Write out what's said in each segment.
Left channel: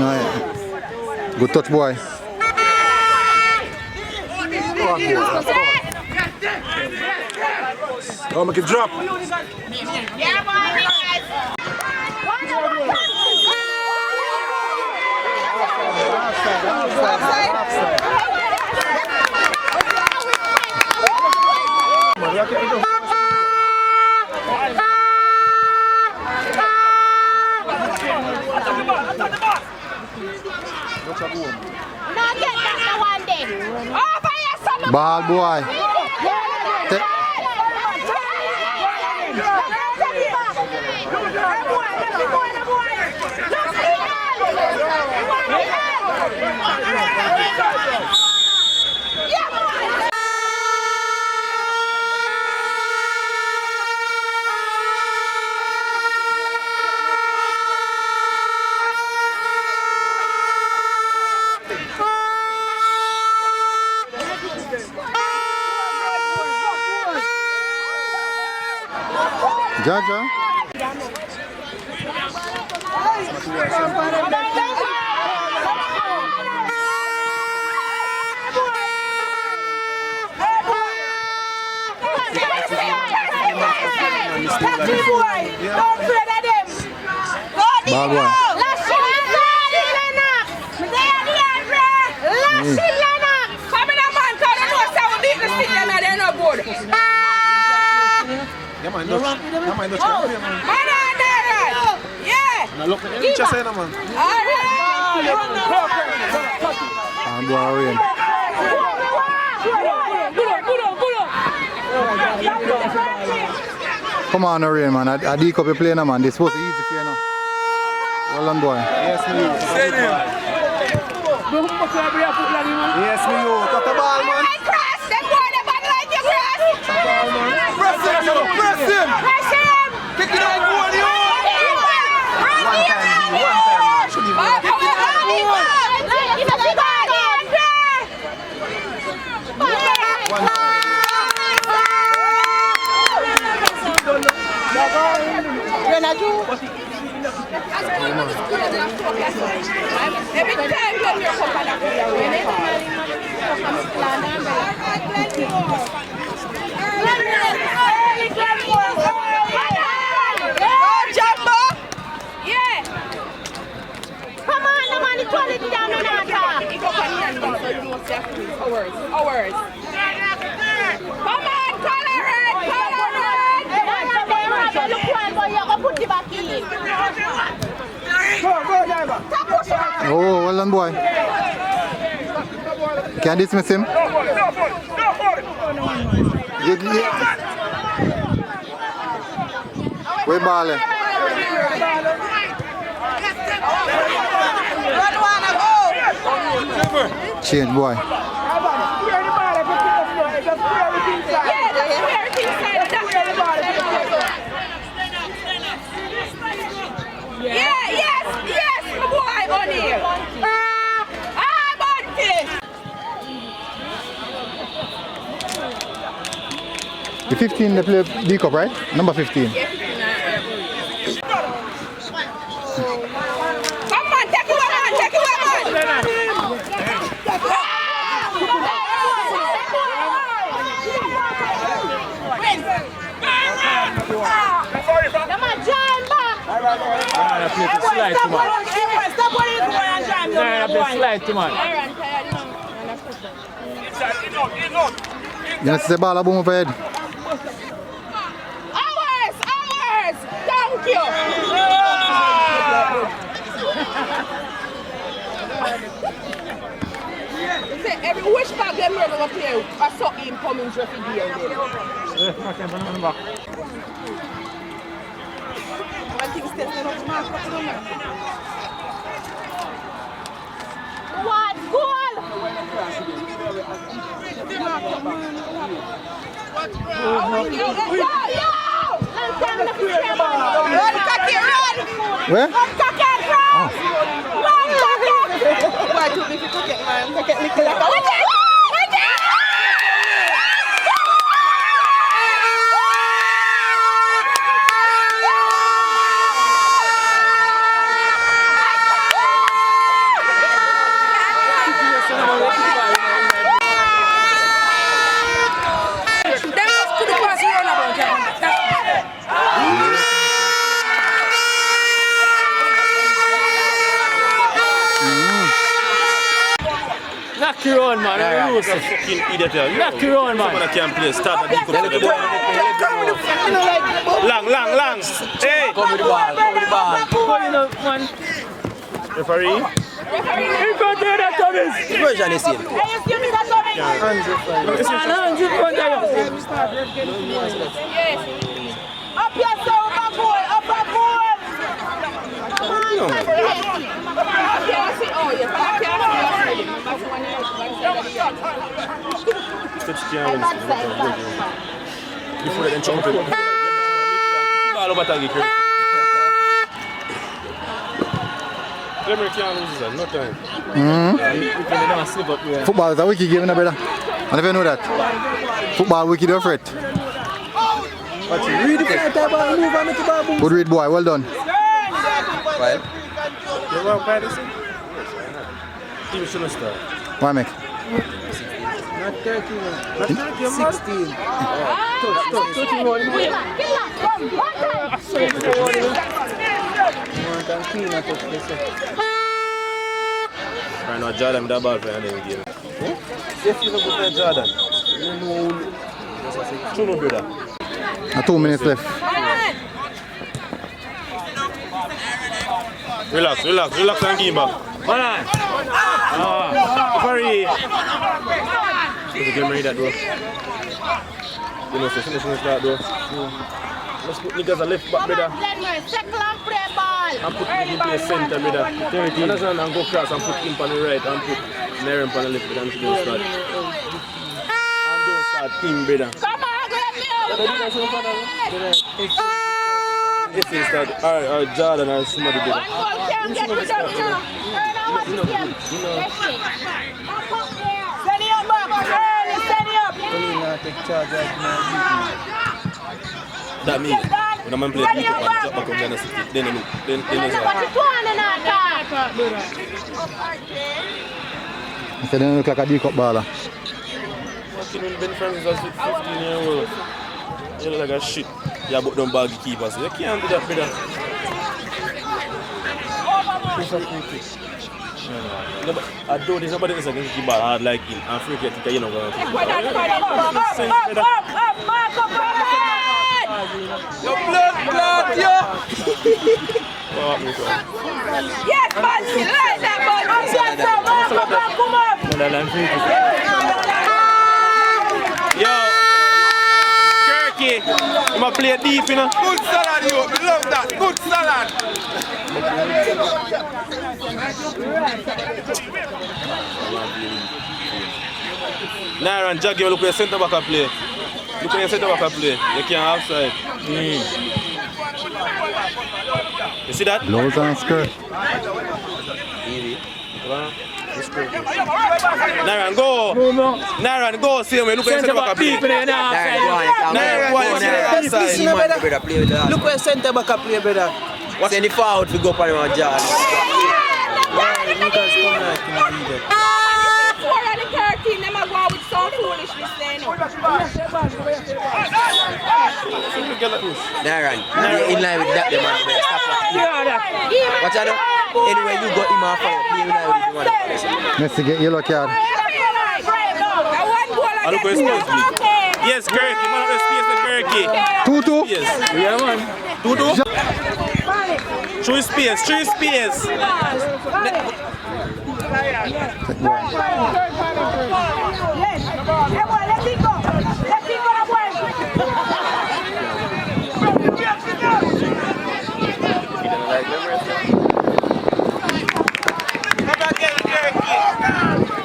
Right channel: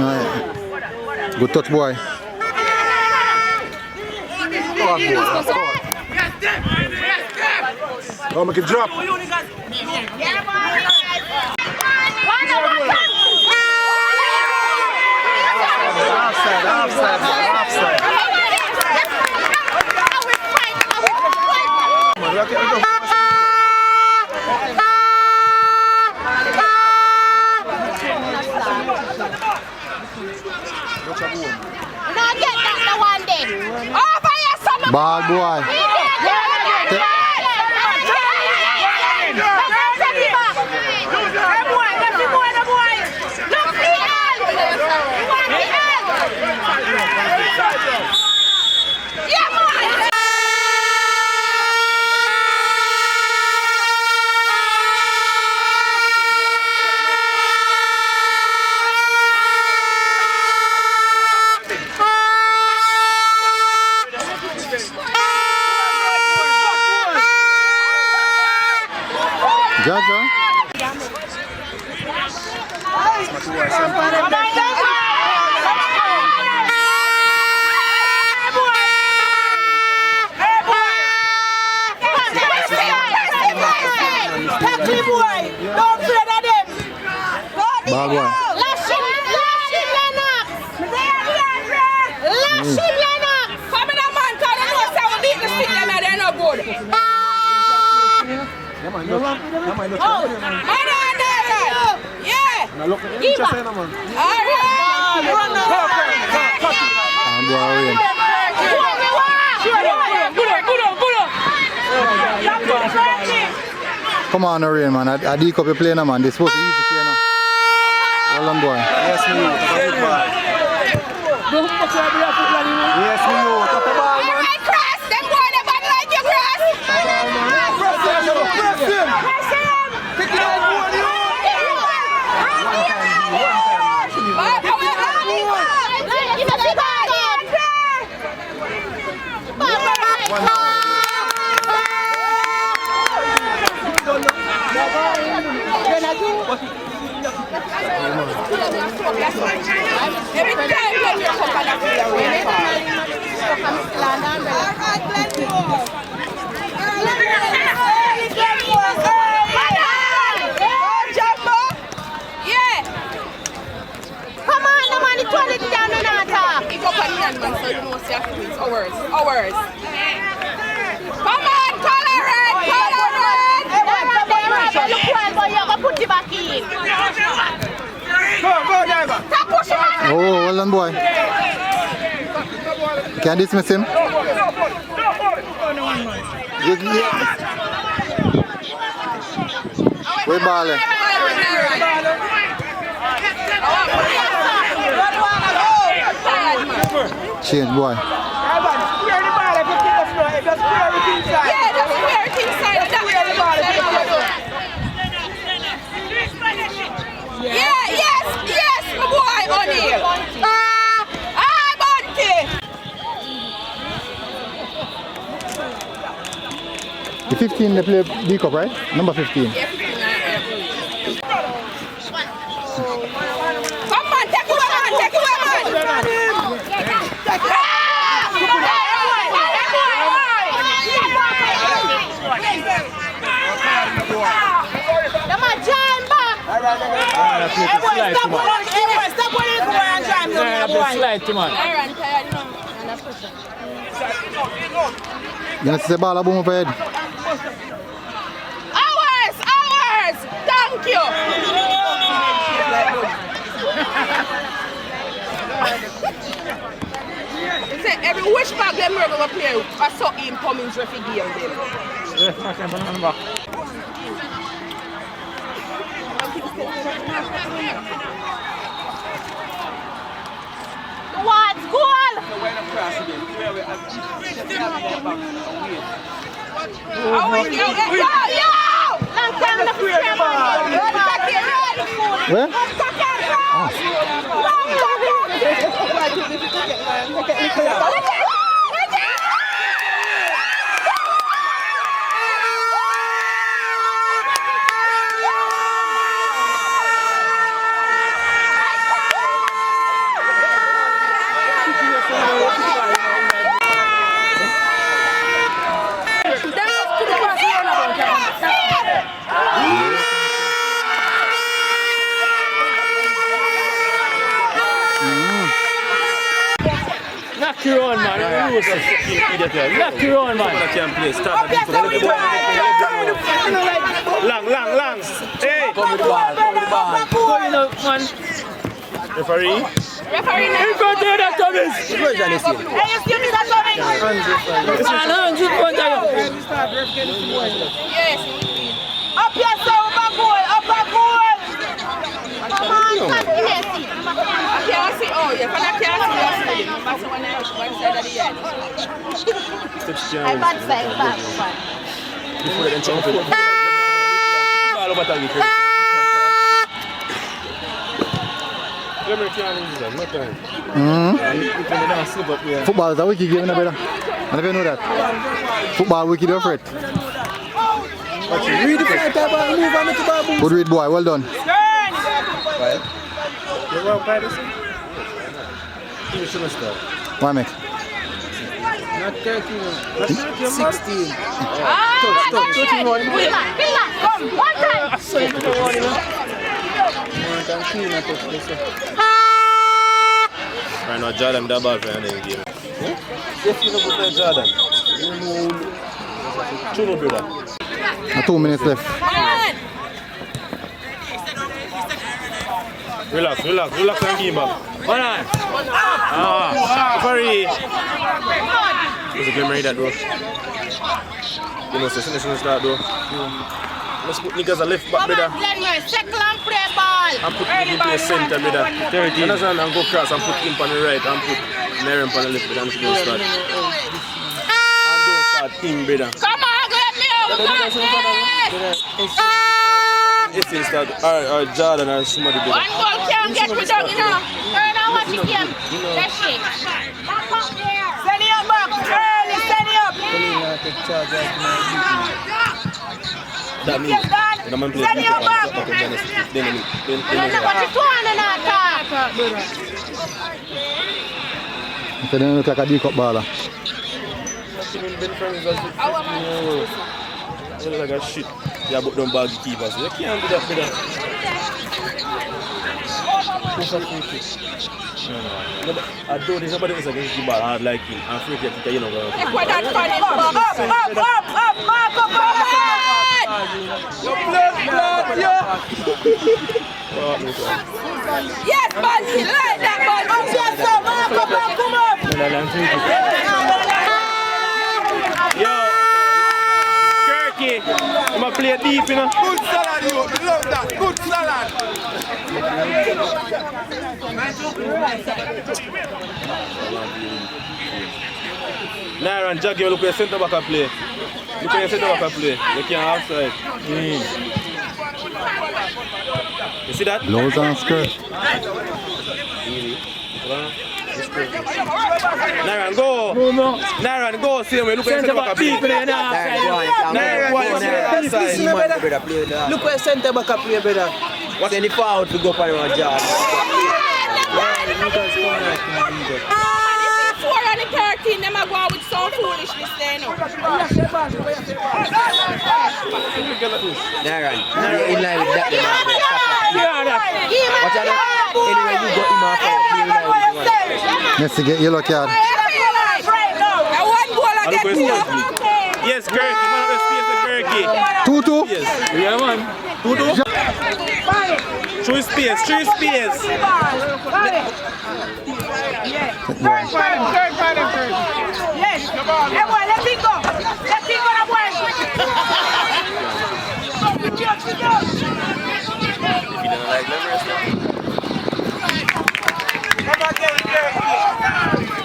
know, good touch, boy. Oh, make it drop. Ball, boy. Jaja. Don't afraid of them. Ball, boy. Lash him, Lennox. Lash him, Lennox. Come in, man, because they know how we beat the stick, they're no good. Oh, man on there, right? Yeah. Give up. All right. I'm worrying. Come on, Orion, man. I dig up your play now, man. This supposed to be easy for you now. Well done, boy. Yes, me. Yes, me. Top the ball, man. Hey, Cross, them boy, they bad like you, Cross. Press him. Take it out, boy. Every time you come back, Hours. Come on, color red. Put it back in. Oh, well done, boy. Can I dismiss him? Where ball? Change, boy. Yes, my boy, on here. The 15 they play B Cup, right? Number 15. Come on, take it away, You know, see the ball a boom up ahead. Hours! Thank you! Every wish bag them are going to play, I saw him coming to the game. What goal? Where? Knock your own, man. Knock your own, man. Can't play. Start long. Hey, Come with ball. Going up, man. referee. In front of that, Thomas. Version is here. Hands in front of you. Up here, sir, up boy. Before they jump in. Ball over target. Football is a wicked game, brother. I never know that. Football wicked or threat. Read the front of ball, move and make the ball boom. Good read, boy. Well done. Well, You want to play this? Even shouldn't start. Why, make? not 13, 16. Touch, 21. Right now, Jordan with that ball for the game. If you don't put Jordan, you know, Chuno brother. 2 minutes left. Relax and give back. Hold on. Referee. There's a game ready that door. You know, so soon start door. Let's put niggas a left back, brother. Glenmuir, circle and play ball. And put him into the center, brother. Understand, and go cross and put him on the right and put Miriam on the left, brother, and still start. And don't start him, brother. Come on, Glenmuir. If they start, or Jordan or somebody, brother. One ball can't get me down, you know. Turn on what you can. Let's see. Send it up, send it up. Only not take charge right now. That means, when I'm playing the back up, then What you doing on that? So they look like a D-cup baller. Fucking been friends as 15 years old. You look like a shit. Yeah, but don't bag keepers. You can't do that, brother. No, but I don't think somebody is against the ball hard like him. I'm free kick, you know. Up. Yes, man, right that ball. Come up. Yo, Kirky, I'm going to play deep, you know. Good salad, you love that. Good salad. Naira and Jackie, look where centre back play. Look where centre back play. You can't outside. You see that? Lows and skirt. Naira, go. Naira, go. See me. Look where centre back play. Look where centre back up here, brother. What's any forward to go for around John? Four on the 13, them are going with some foolishness there now. Naran, in line with that, them watch out. Anyway, you got him off out. Play in line with the Let's get yellow card. Yes, Kirky. Man of the space, Kirky. 2-2. Yes. Yeah, man. 2-2. Through space.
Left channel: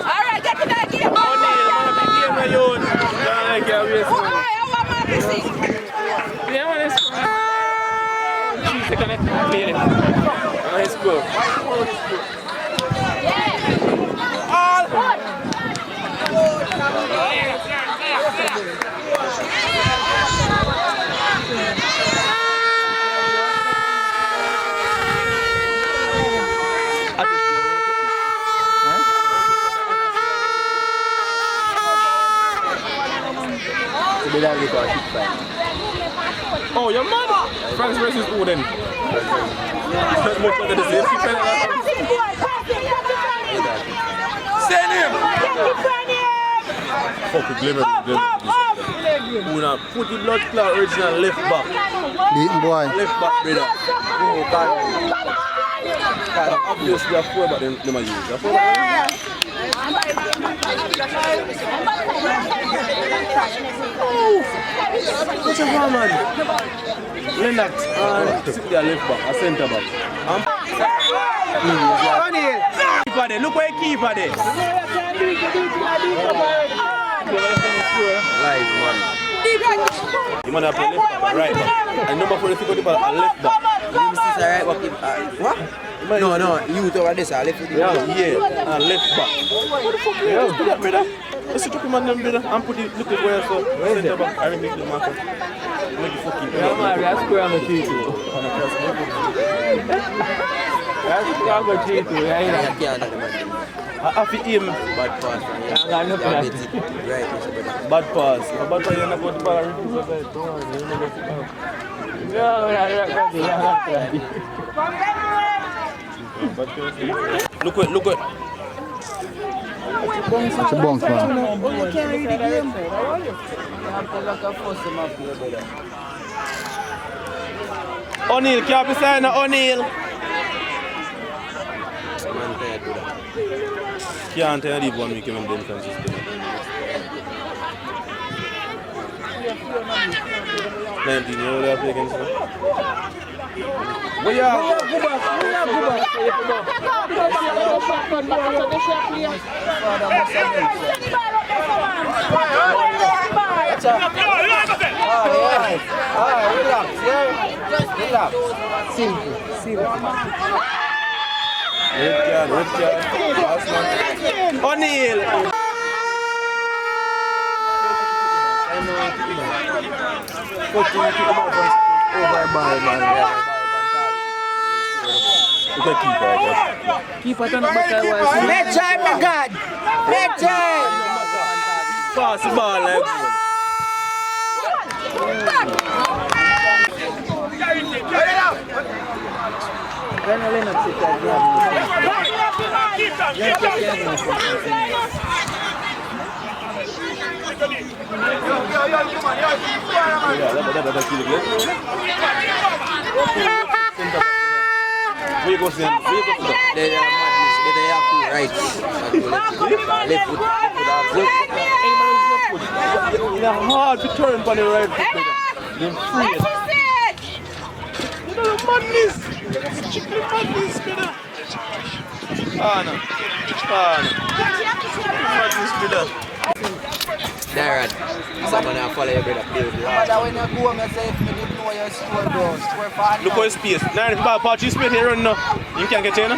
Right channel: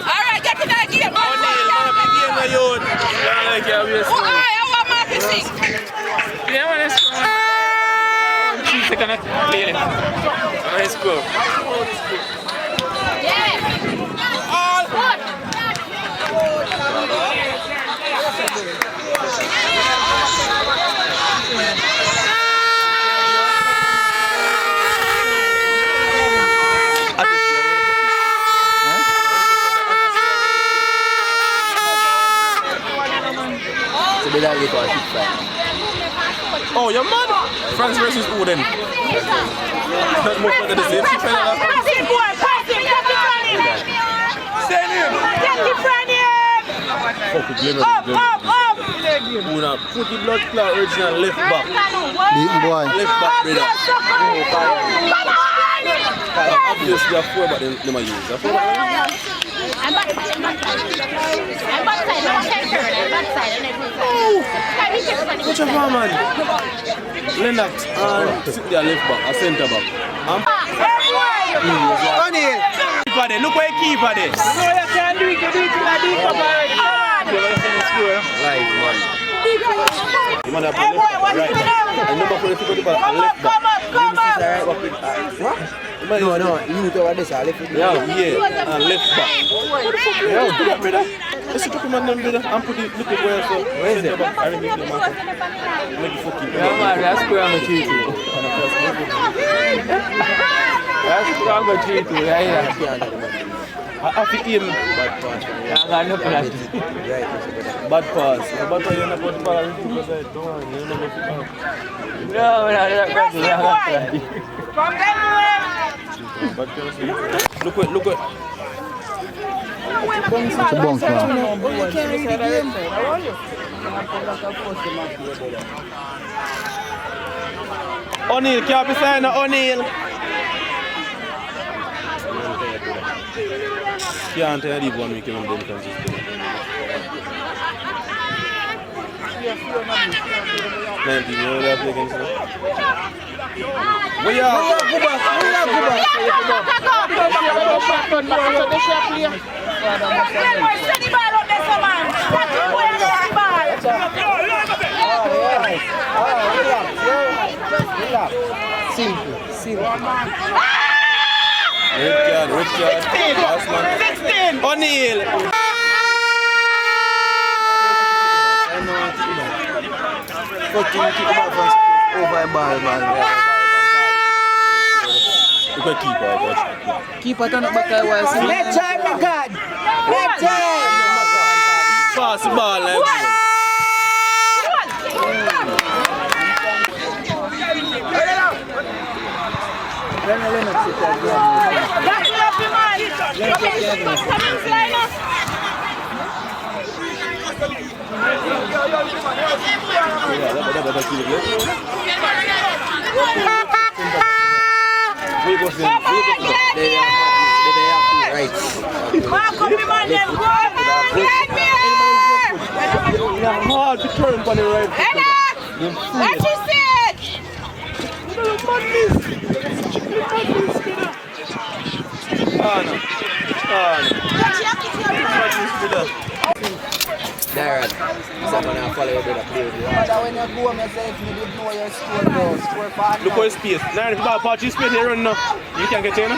Alright, get to that game. Let's go. All good. Oh, you're mad? France versus who then? That's more better than the same. Send him! Fuck with Glenmuir. Una put the blood clot original left back. Beaten boy. Left back, brother. Obviously, they are 4 but they might use. They are 4 back. What's your man? Lennox and their left back, a centre back. Keeper there, look where he keeper there. Live man. You man have to left back and right back. And number 4 if you got the ball and left back. Right back in, what? No, you over this, I left it. Yeah, and left back. What the fuck you just do that, brother? Let's set up him and them, brother, and put the look at where so centre back. I remember the marker. Make the fucking. Yeah, man, that's square on the tree too. That's square on the tree too. Yeah, I have to aim. Bad pass, man. Right. Bad pass. If a bad pass, you're not going to ball and recoup the side. Don't worry, you're not going to ball. No, Look what. It's a bounce, man. O'Neal, can't be saying that O'Neal. Can't tell you one week when they consistent. 19 years old play against them. We are go back. Red card. O'Neal. Over a ball, man. Look at keeper. Keeper turn up back there while see. Let's try, my God. Let's try. Pass the ball like Lennox sit there. Where goes them? They have to right. Left foot. It's hard to turn on the right foot. They're free. There, someone will follow you with a play. When you go, I say, if you know your score for Look at his space. Now, if you got a patch, his space here run now. You can't get China?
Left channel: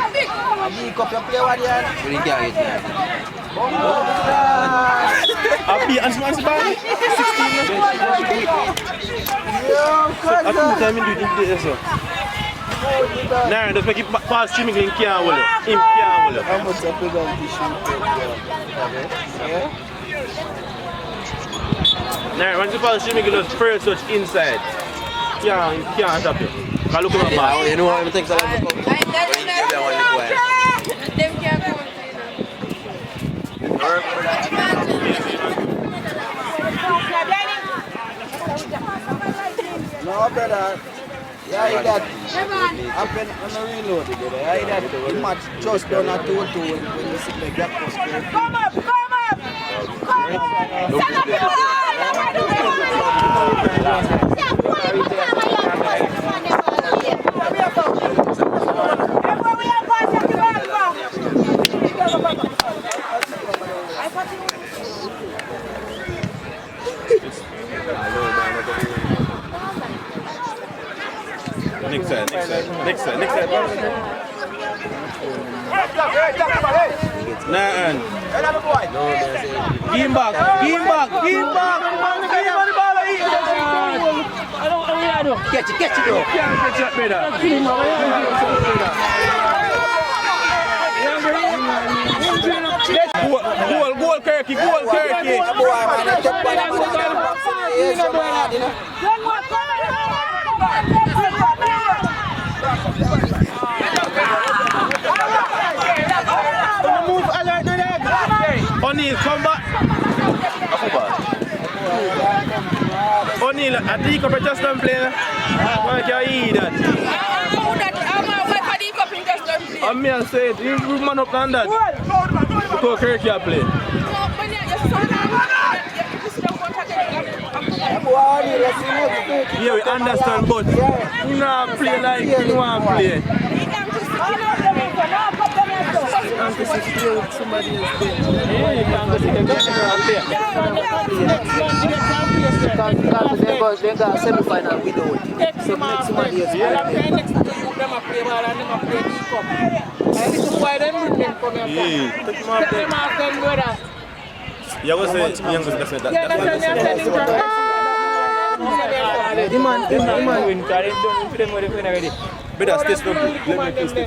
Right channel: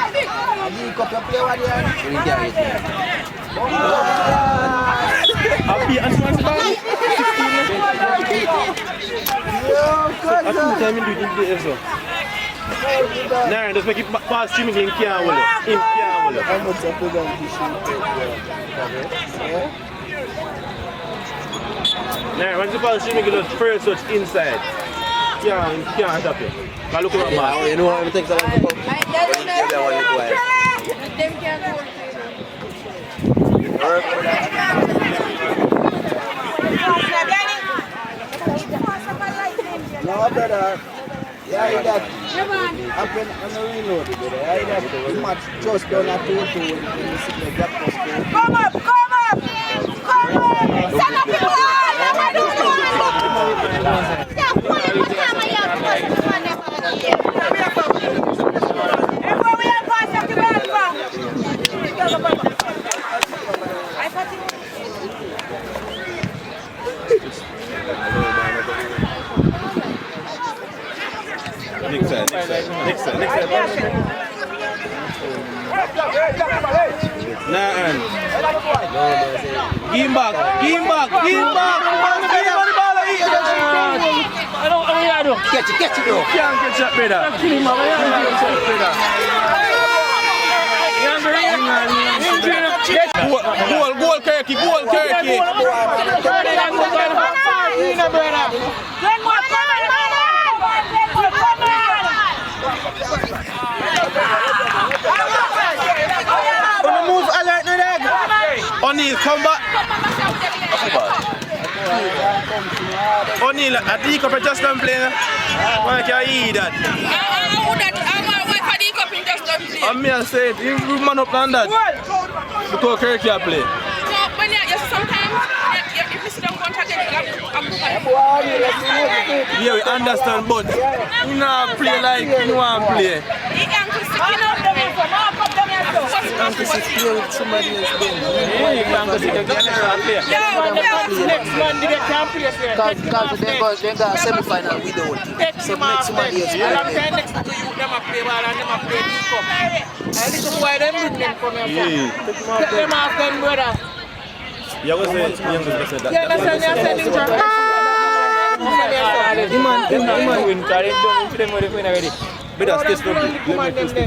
you cup your play one here. You can't. Happy and smash ball. 16. I think time in the day, so. Now, just make it pass to me in Kiawala. In Kiawala. How much of the gun this Now, once you pass to me, you just first touch inside. Can't stop you. Look at my ball. You know what it takes a lot to come? No, brother. Yeah, that. I'm going to reload it. Yeah, the match just done at 2-2 when you see the gap post. Come up. Send up your Next side. Nah, give him back. Catch it, bro. Can't catch that, brother. Goal, Kirky. Move alert, come back. O'Neal, I think up just don't play. Why can't you eat that? I'm wait for the cup in just don't play. I'm here say it, you man up on that. Because Kirk can't play. No, when you sometimes if you sit down one again, Yeah, we understand, but you not play like you want to play. he can just stick in up them for more cup them yourself. You have to play with somebody else. Because they got a semi-final without. So make somebody else play. Yeah, take him off there. You always say youngest person that. Better stay strong. Let me stay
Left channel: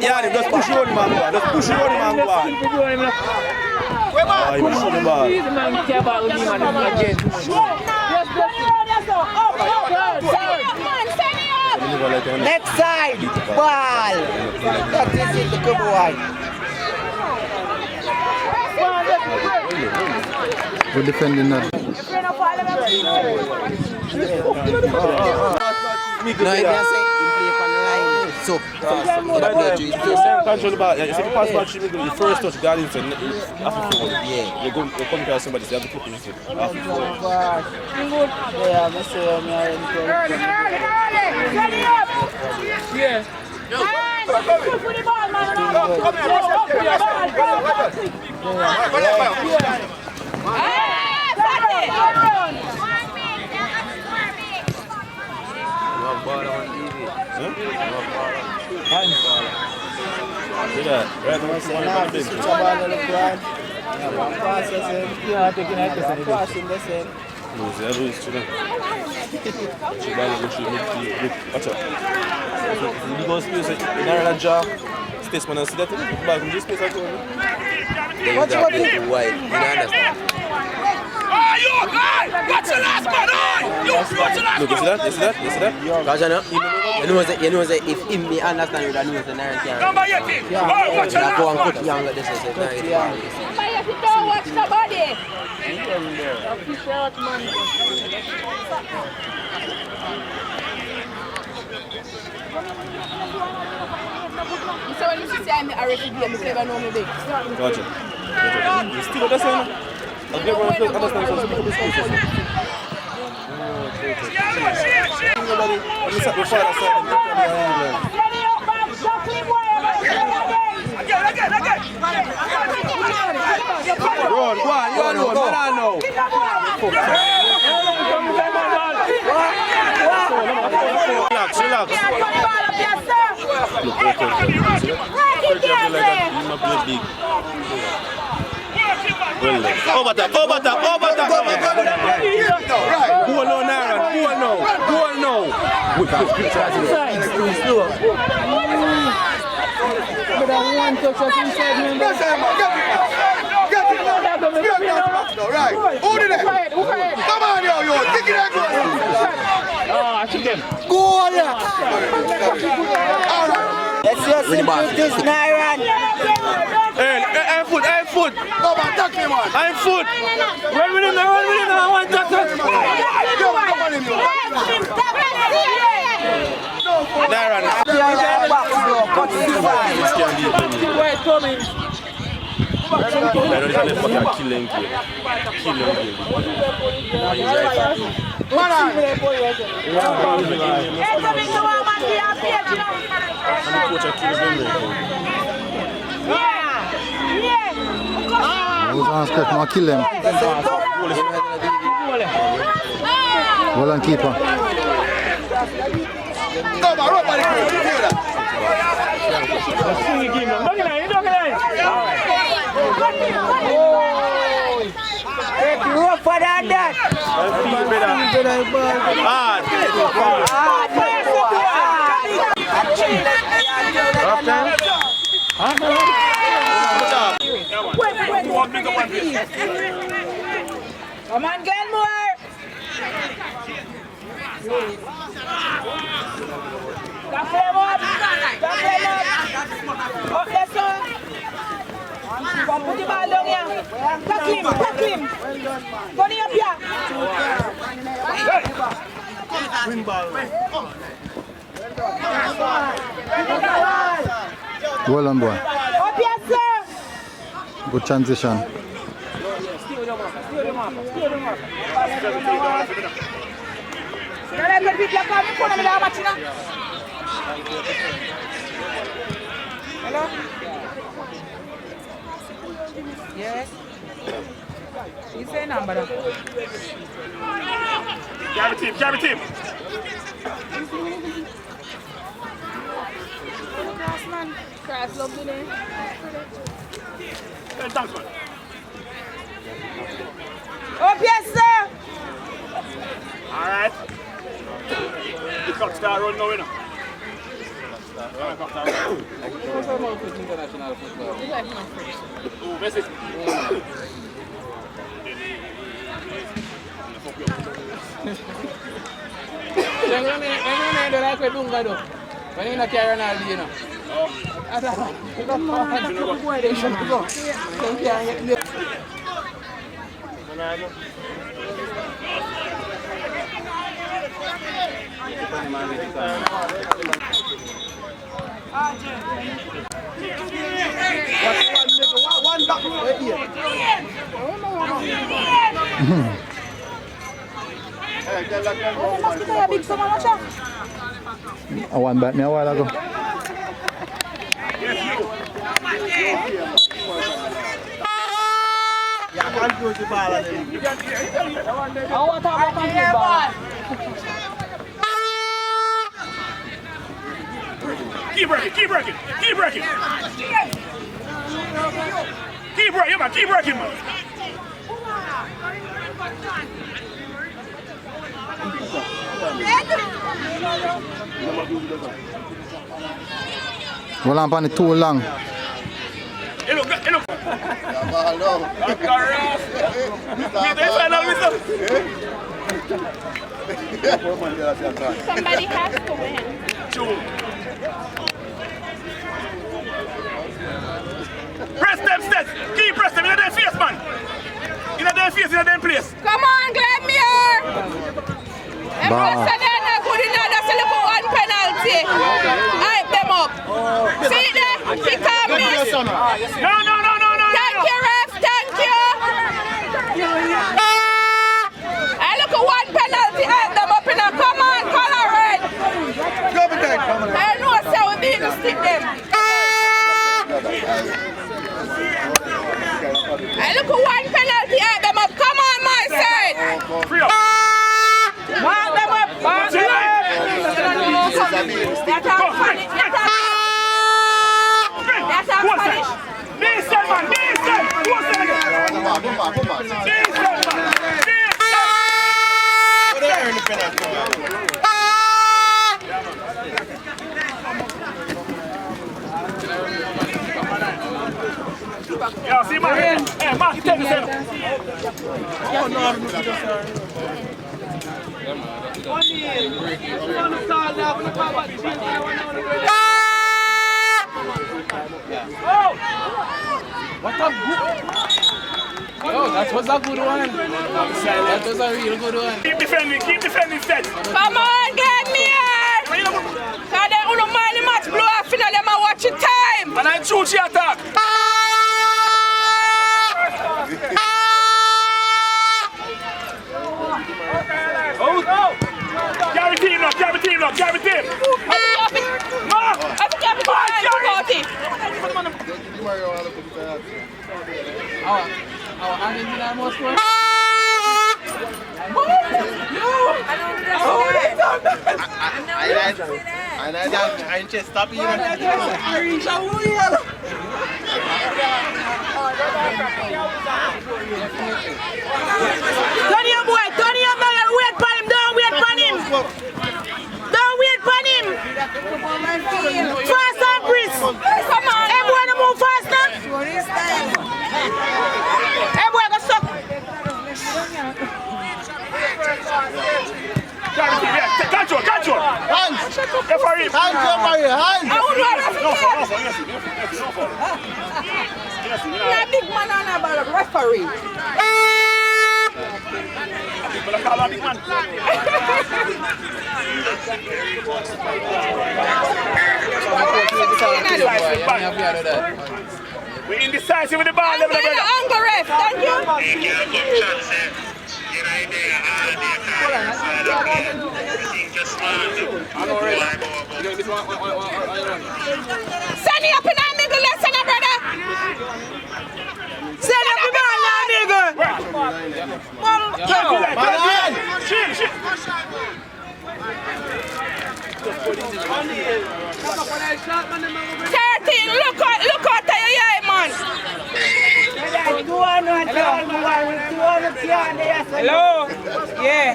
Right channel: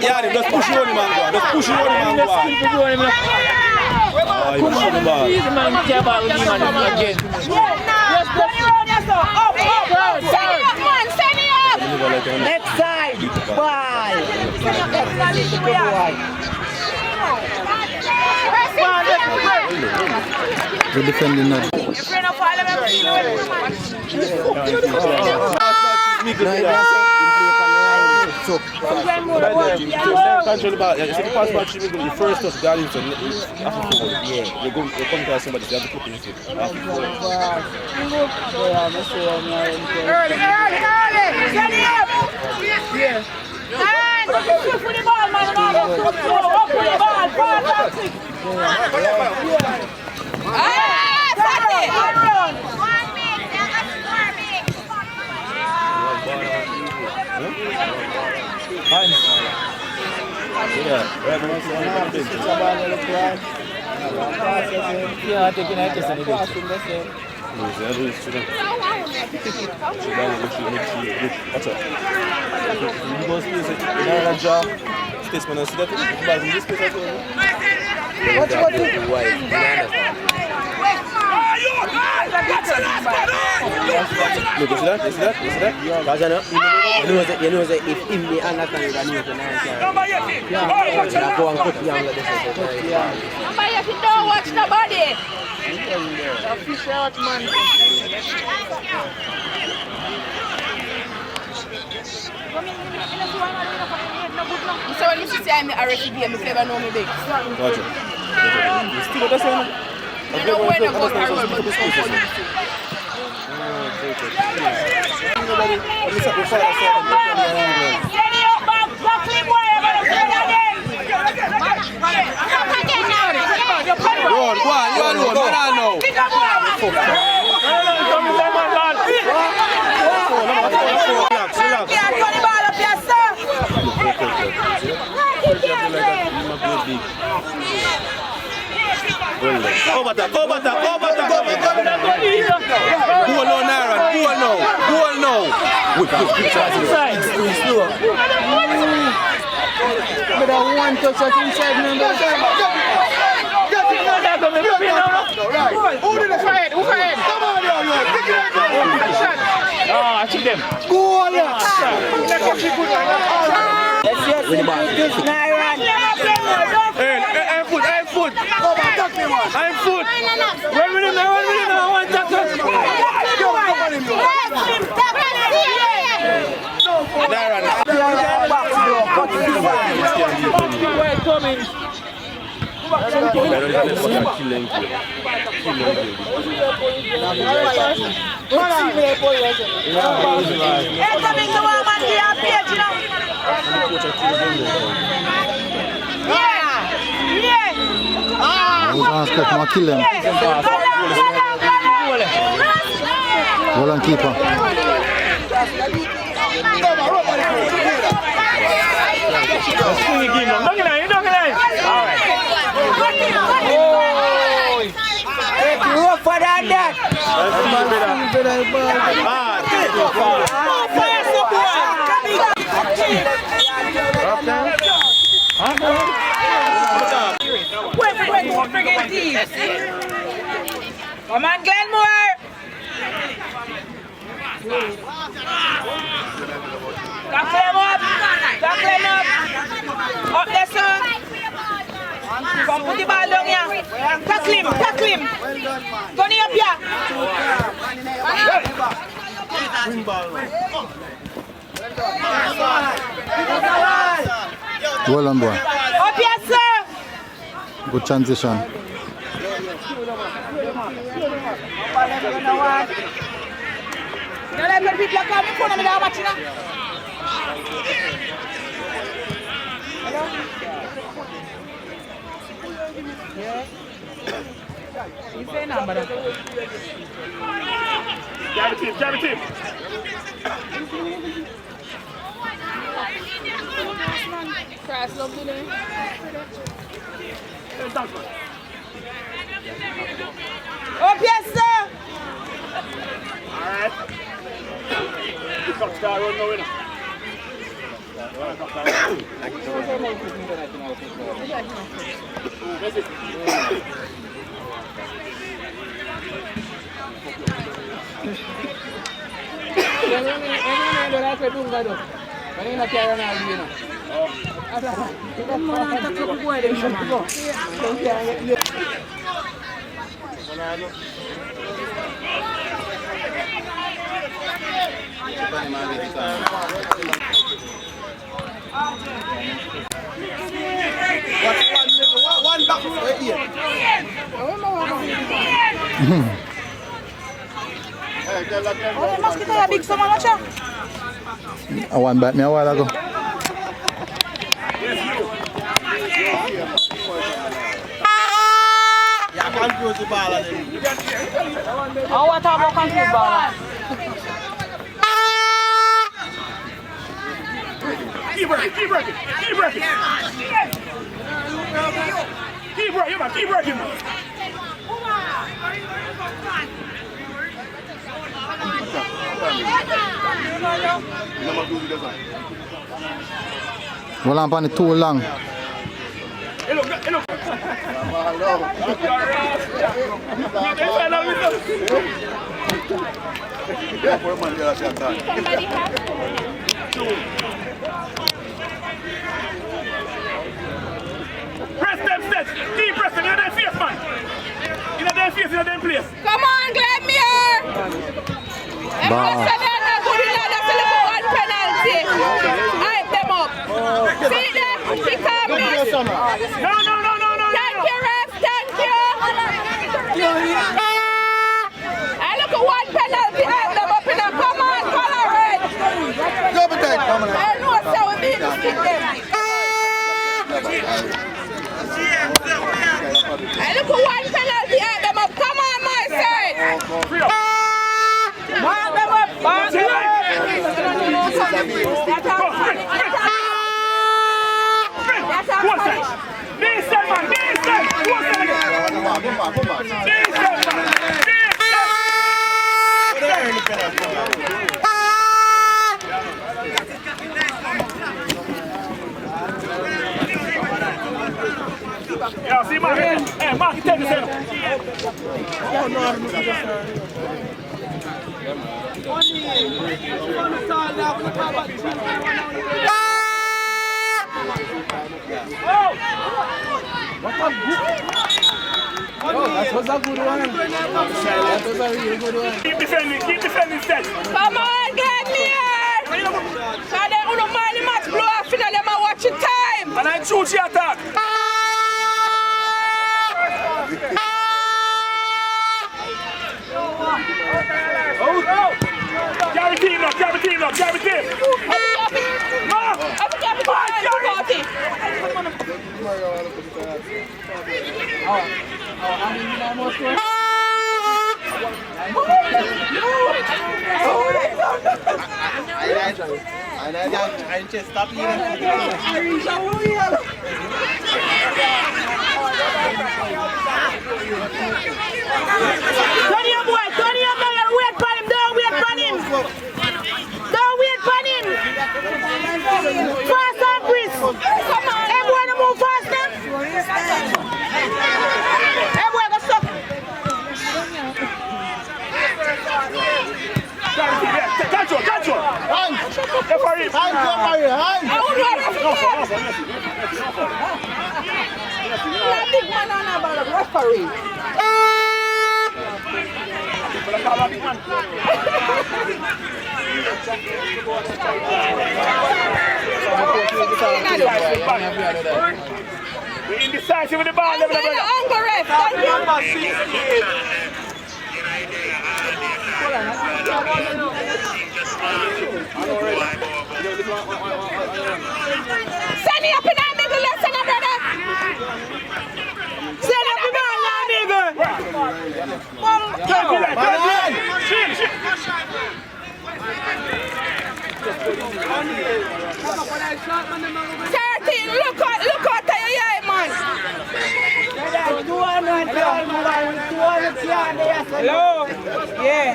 Yeah, just push you on him and go on. Just push you on him and go on. Ah, you push the ball. Next side, ball. That is the good one. Good defending that. So, control the ball. If you pass back, you first touch guard into after forward. Yeah. You come to somebody, so you have to flip it after forward. Look, you see that? You see that? You see that? you know that if him be understand it, I know it's a nice guy. Yeah, go and cut the angle. This is a nice guy. If you don't watch nobody. So when you say I'm a refugee, I'm never know me big. Gotcha. You still understand? I'll get one of them. Understand something from this place. Go on, you alone, man, I know. Relax. Over top. Go on, Aaron. Go now. But I want to touch inside number. Right. Who did that? Come on, yo. Take it out. Go on, let's see this Naira. I'm foot. I'm foot. Run with him now. I want tackle. Come kill them. Well and keeper. Rougher than that. Come on, Glenmuir. Tackle him up. Tackle him up. Up there, sir. Come put the ball down here. Tackle him. Tackle him. Turn him up here. Win ball. Well on, boy. Up here, sir. Good transition. Don't let people come in front of me that much, you know. Hello? Yes. You say number. Grab a team, grab a team. Cross love today. Up here, sir. Alright. The clock start run now, you know. Messi. One back right here. I won back me a while ago. Yes, you. Yeah, confuse the ball. You can hear. I want to have a confused ball. Keep working, keep working, keep working. Keep working, man, keep working, man. Well, I'm on it too long. Hey, look, hey, look. Somebody has to win. Press them steps. Keep press them. You're their face, man. You're their face, you're their place. Come on, Glenmuir. Everyone said they're not good enough. That's a little one penalty. Hype them up. See there? He come this. No. Thank you, ref. Thank you. I look at one penalty. Hype them up in a come on, color red. I know so we beat this thing them. I look at one penalty. Hype them up. Come on, my side. Mark them up. Mark them up. Decent, man, decent. Yeah, see, Mark. Hey, Mark, take this in. That was a good one. That was a real good one. Keep defending, Seth. Come on, Glenmuir! So they don't mind the match blow off and them are watching time. And I choose your attack. Carry team up. I just stop eating. Turn your boy, wait for him, don't wait for him. Don't wait for him. Fast and brisk. Come on, everyone move fast now. Everyone go stop. Control. referee. Hands referee, hands. I would want referee. Yeah, big man on about referee. We're indecisive with the ball. I'm going to angle ref. Thank you. Send it up in our middle lesson, brother. Send up the ball in our middle. 13, look out to your eye, man. Hello? Yeah.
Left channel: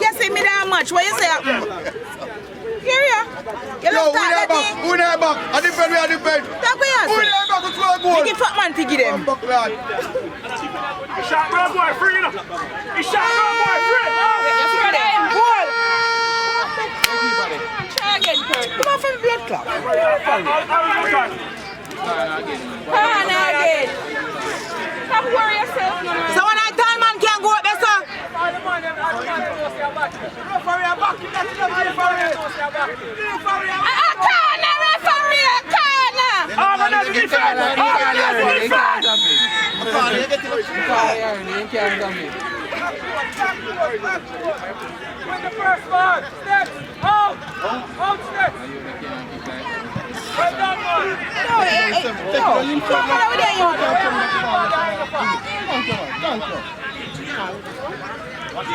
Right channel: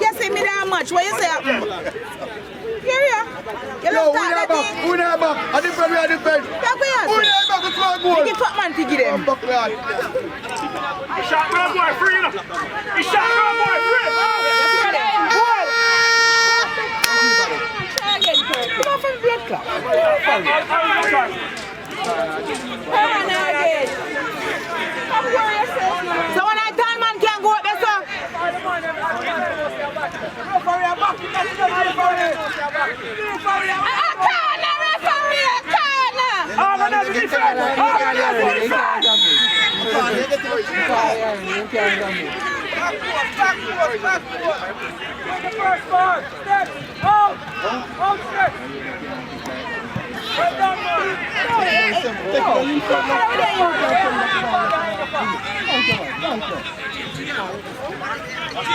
You see me that much? What you say? Here. Yo, who that back? Who that back? I defend, we are defend. Who that back to score a goal? Give fuck man to give them. He shot Reggae Boy free, you know. He shot Reggae Boy free. Come on from blood clot. Come on now again. Come worry yourself. So when I tell man can't go up there, sir.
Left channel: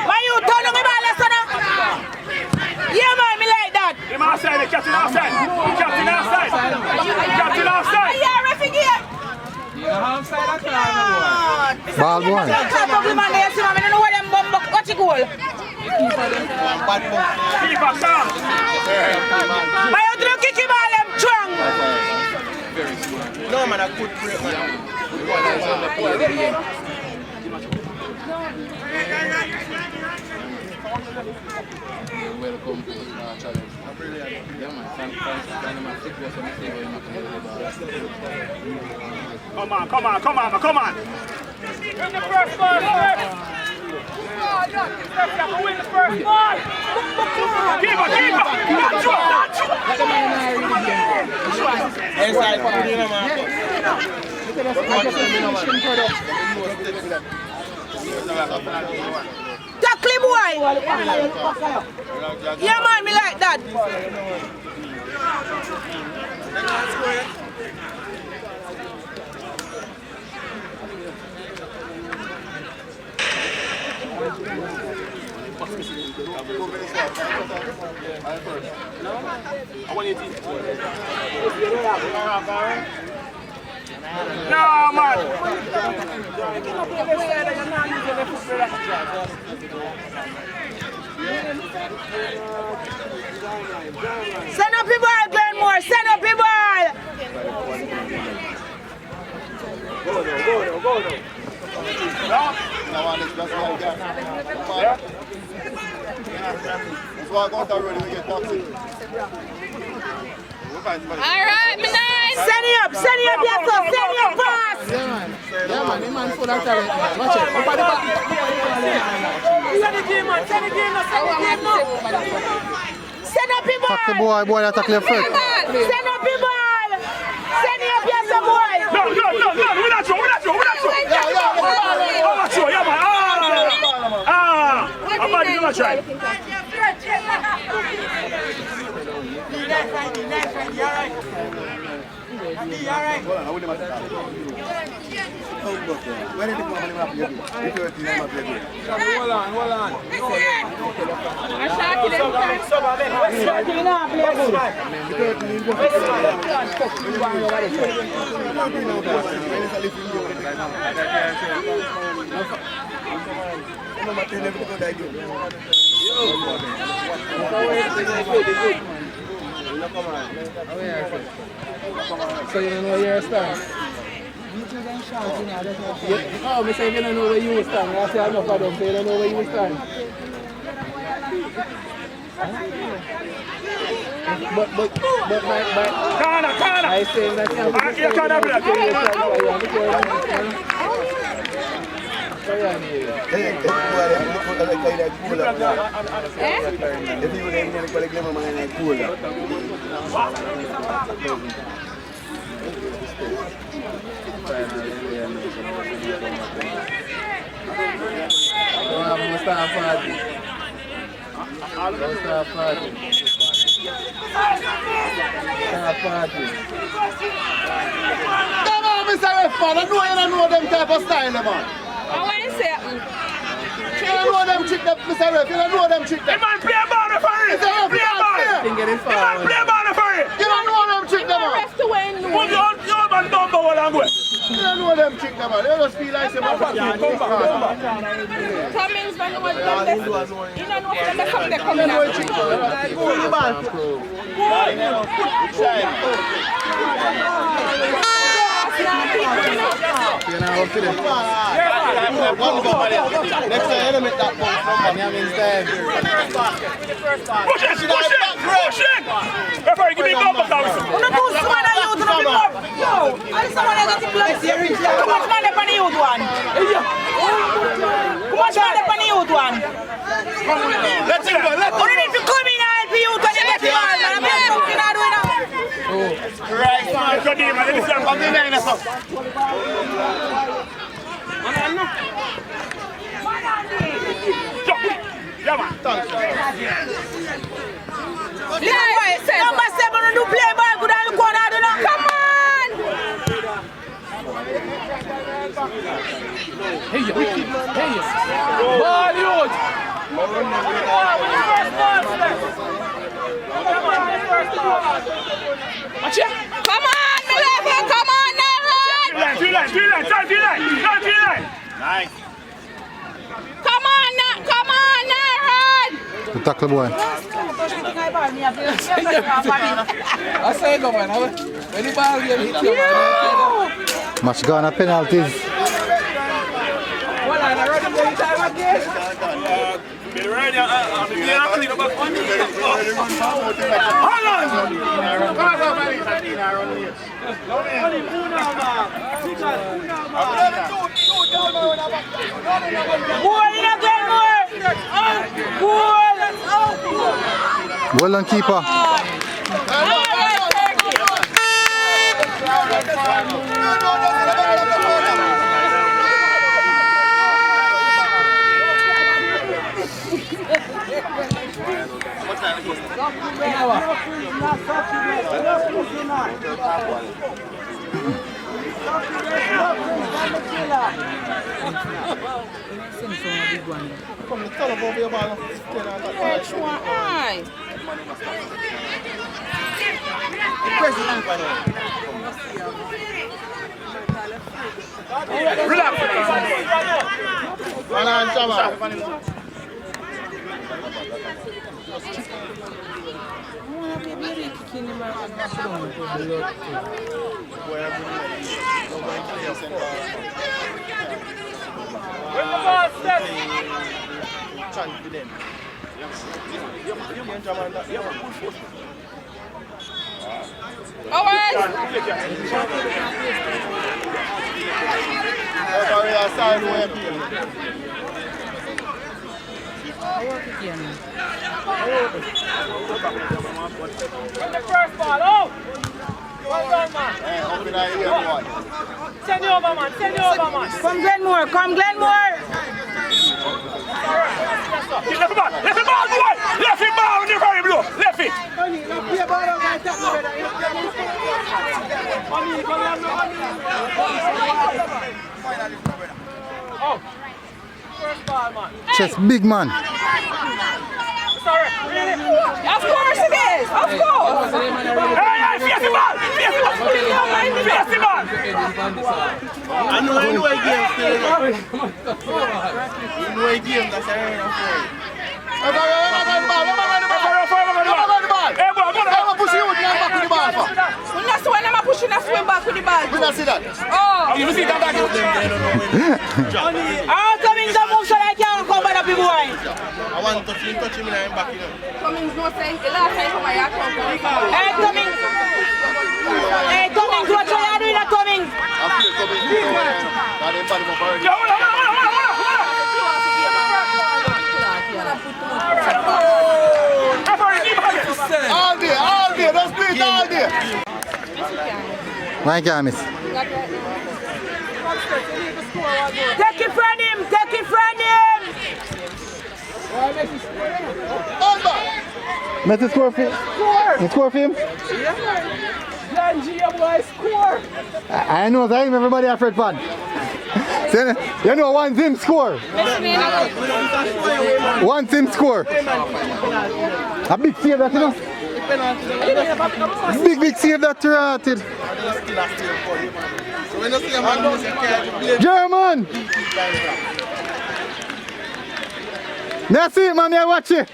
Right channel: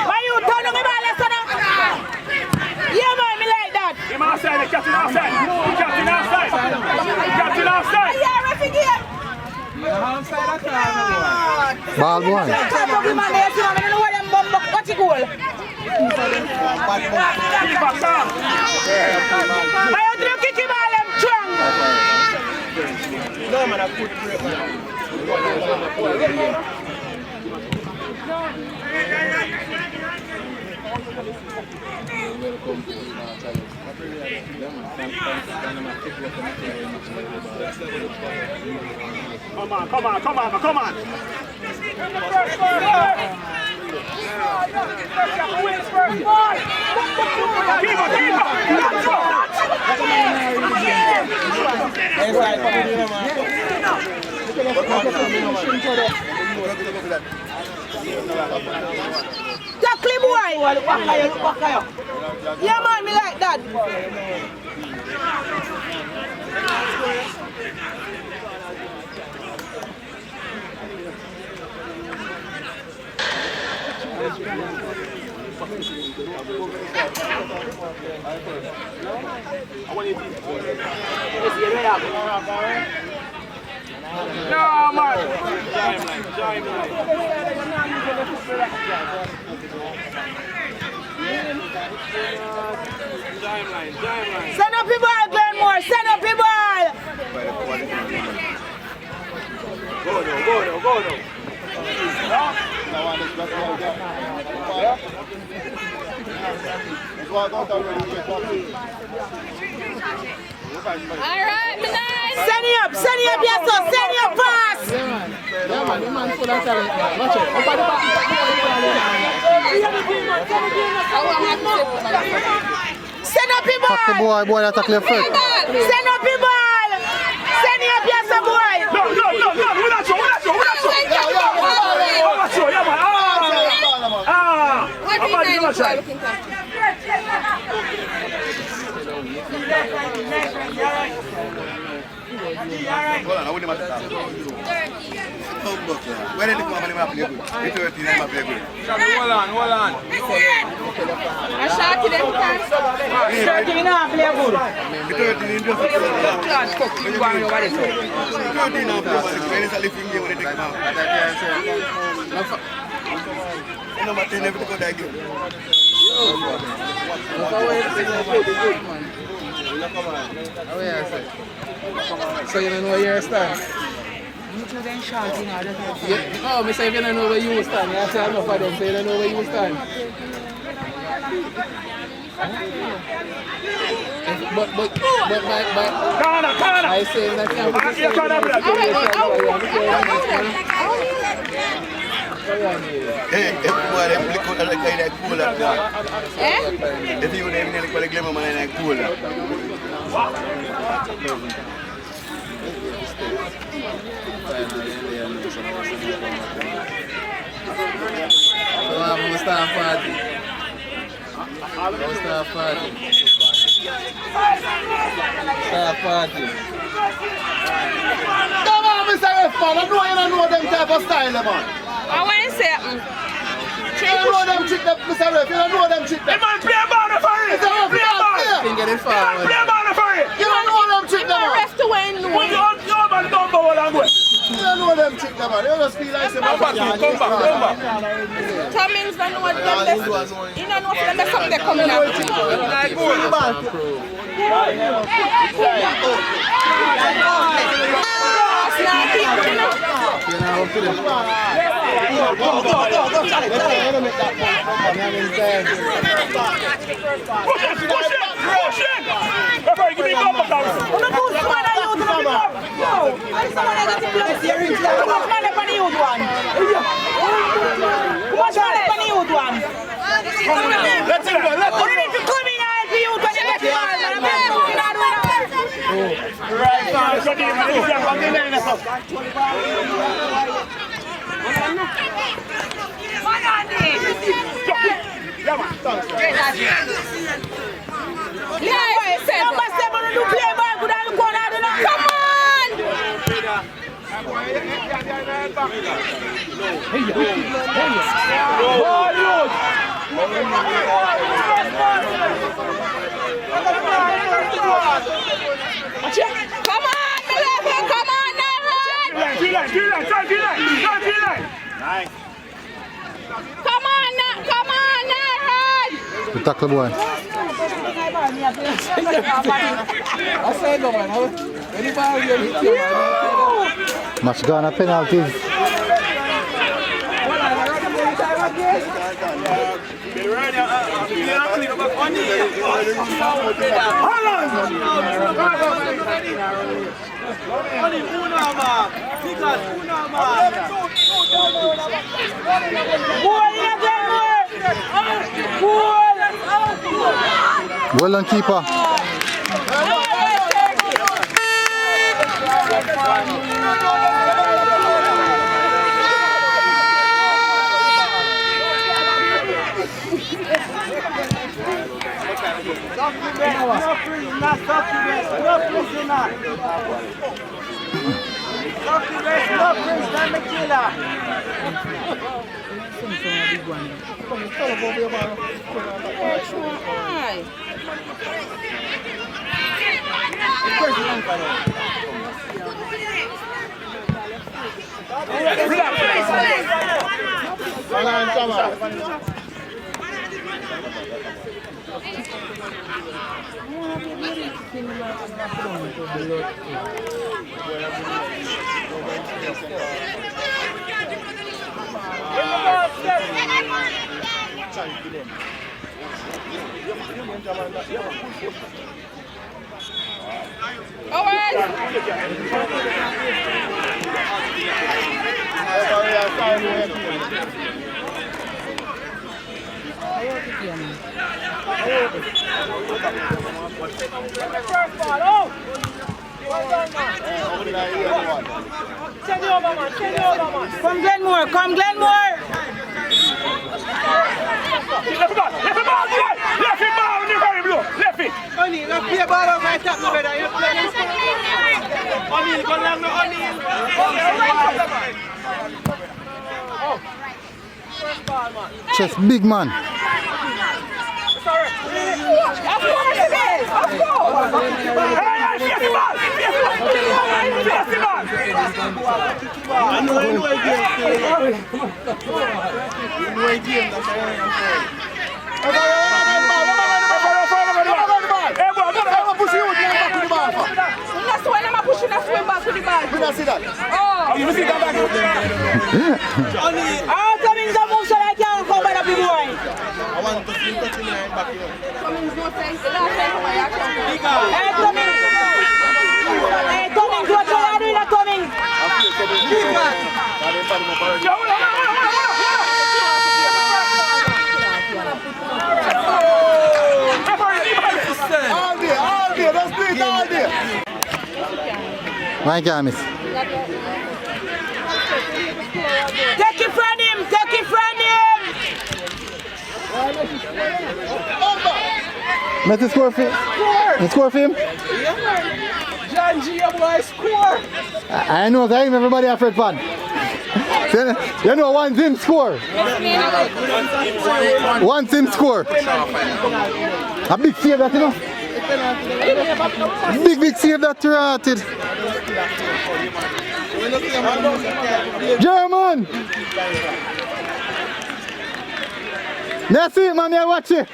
Why you turning me back, lesson? Yeah, man, me like that. Him outside, the captain outside. The captain outside. The captain outside. Yeah, refugee. Ball boy. I don't know what them bum got it goal. Why you don't kick him all them strong? No, man, I could play, man. Come on. Tackle boy. Yeah, man, me like that. No, man. Send up your ball, Glenmuir. Send up your ball. Go. Alright, me nice. Send it up, yes, sir. Send it up fast. Yeah, man, the man full of talent, man. Watch it. Send up your ball. Tackle boy, that tackle your foot. Send up your ball. Send it up, yes, sir, boy. No, we're not sure. I'm not sure, yeah, man. I'm about to give a try. Where did the company map play good? Hold on. I shot to them. Shot to them, play good. So you don't know where you stand? Oh, me say you don't know where you stand. I say enough of them, so you don't know where you stand. But Corner. I say that You can't have that. Come on, Mr. Ref, man. I know you don't know them type of style, man. I want to say, You don't know them trick, Mr. Ref. You don't know them trick. The man play ball for it. Play ball. The man play ball for it. You don't know them trick, man. rest to win. Put your man down for one and go. You don't know them trick, man. You just feel like some Come back. Cummings don't know what them best. You don't know what them best up there coming out. Come on, my level, come on, Aaron! Nice. Come on, Aaron! The tackle boy. Match gone at penalties. Well done, keeper. Come Glenmuir, come Glenmuir! Left it ball, boy! Left it ball on the very blue! Left it! Chest big man. Of course it is! Of course! man to see touching me in back here. Cummings no sense. The last time I have come. Hey, Cummings! Hey, Cummings, what you are doing, Cummings? I feel something different. That ain't funny, my all day, that's great, all day. My can't miss. Take it from him, take it from him! Met the score for him? The score for him? John G, boy, score. I know that everybody a Fred fan. You know one team score. One team score. A big save that, you know. Big save that ratted. German! That's it, man, I watch it.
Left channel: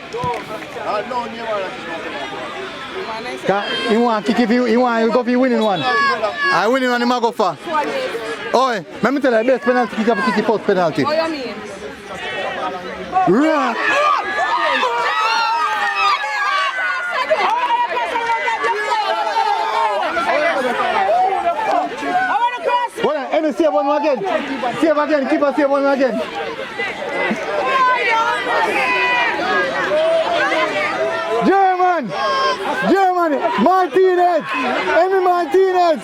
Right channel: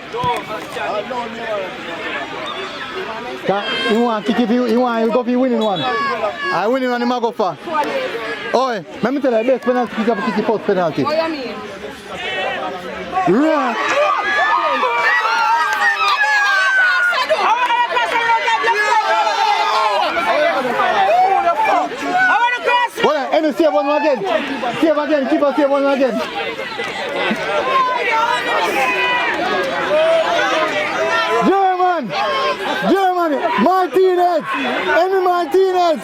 You want to kick if you want to go for winning one. I winning one, you might go for. Oh, let me tell you, best penalty kick up kick post penalty. What you mean? Right. Hold on, let me save one more again. Save again, keep on save one more again. German! Martinez! Emi Martinez!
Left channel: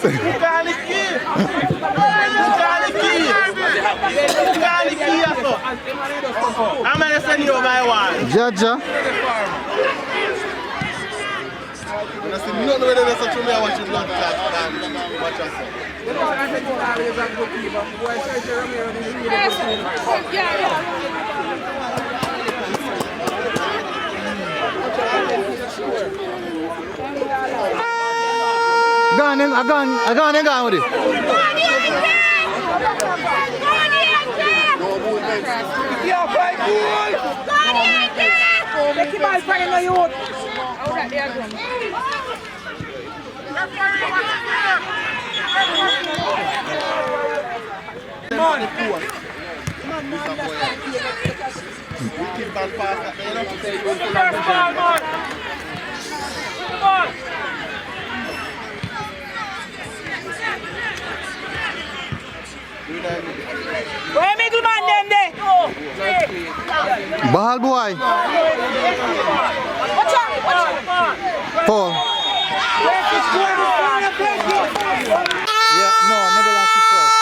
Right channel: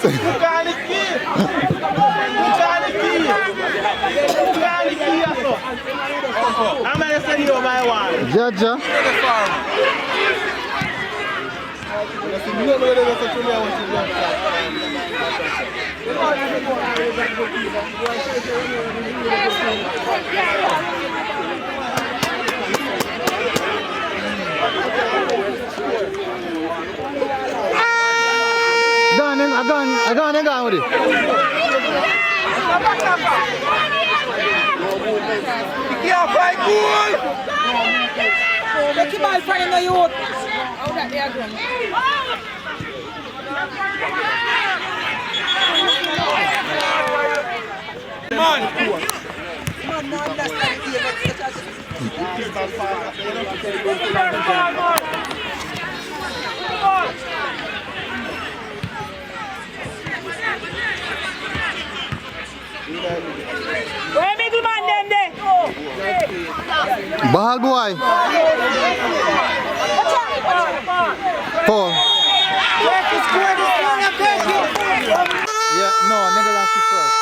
Jaja. Gone with it. Take him out from the youth. How that they are doing? Where me do man them there? Bahal boy. Foul. Yeah, no, Netherlands is first.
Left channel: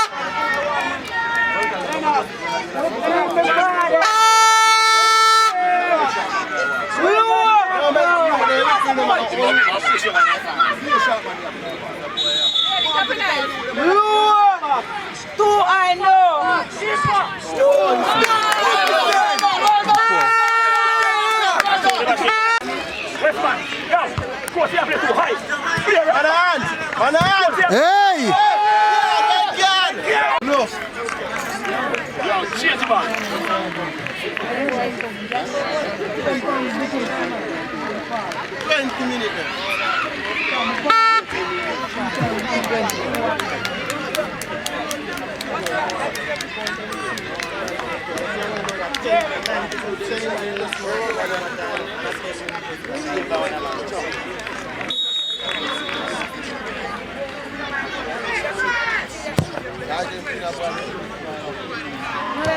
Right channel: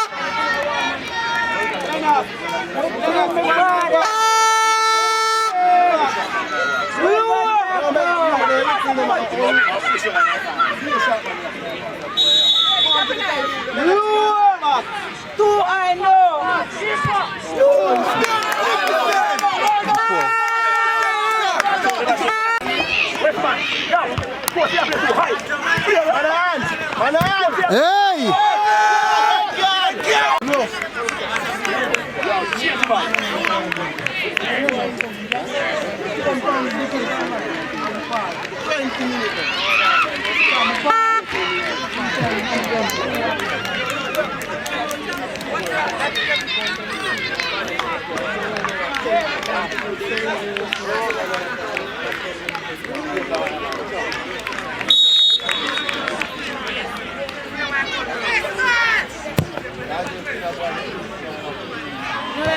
Two I know. Hey!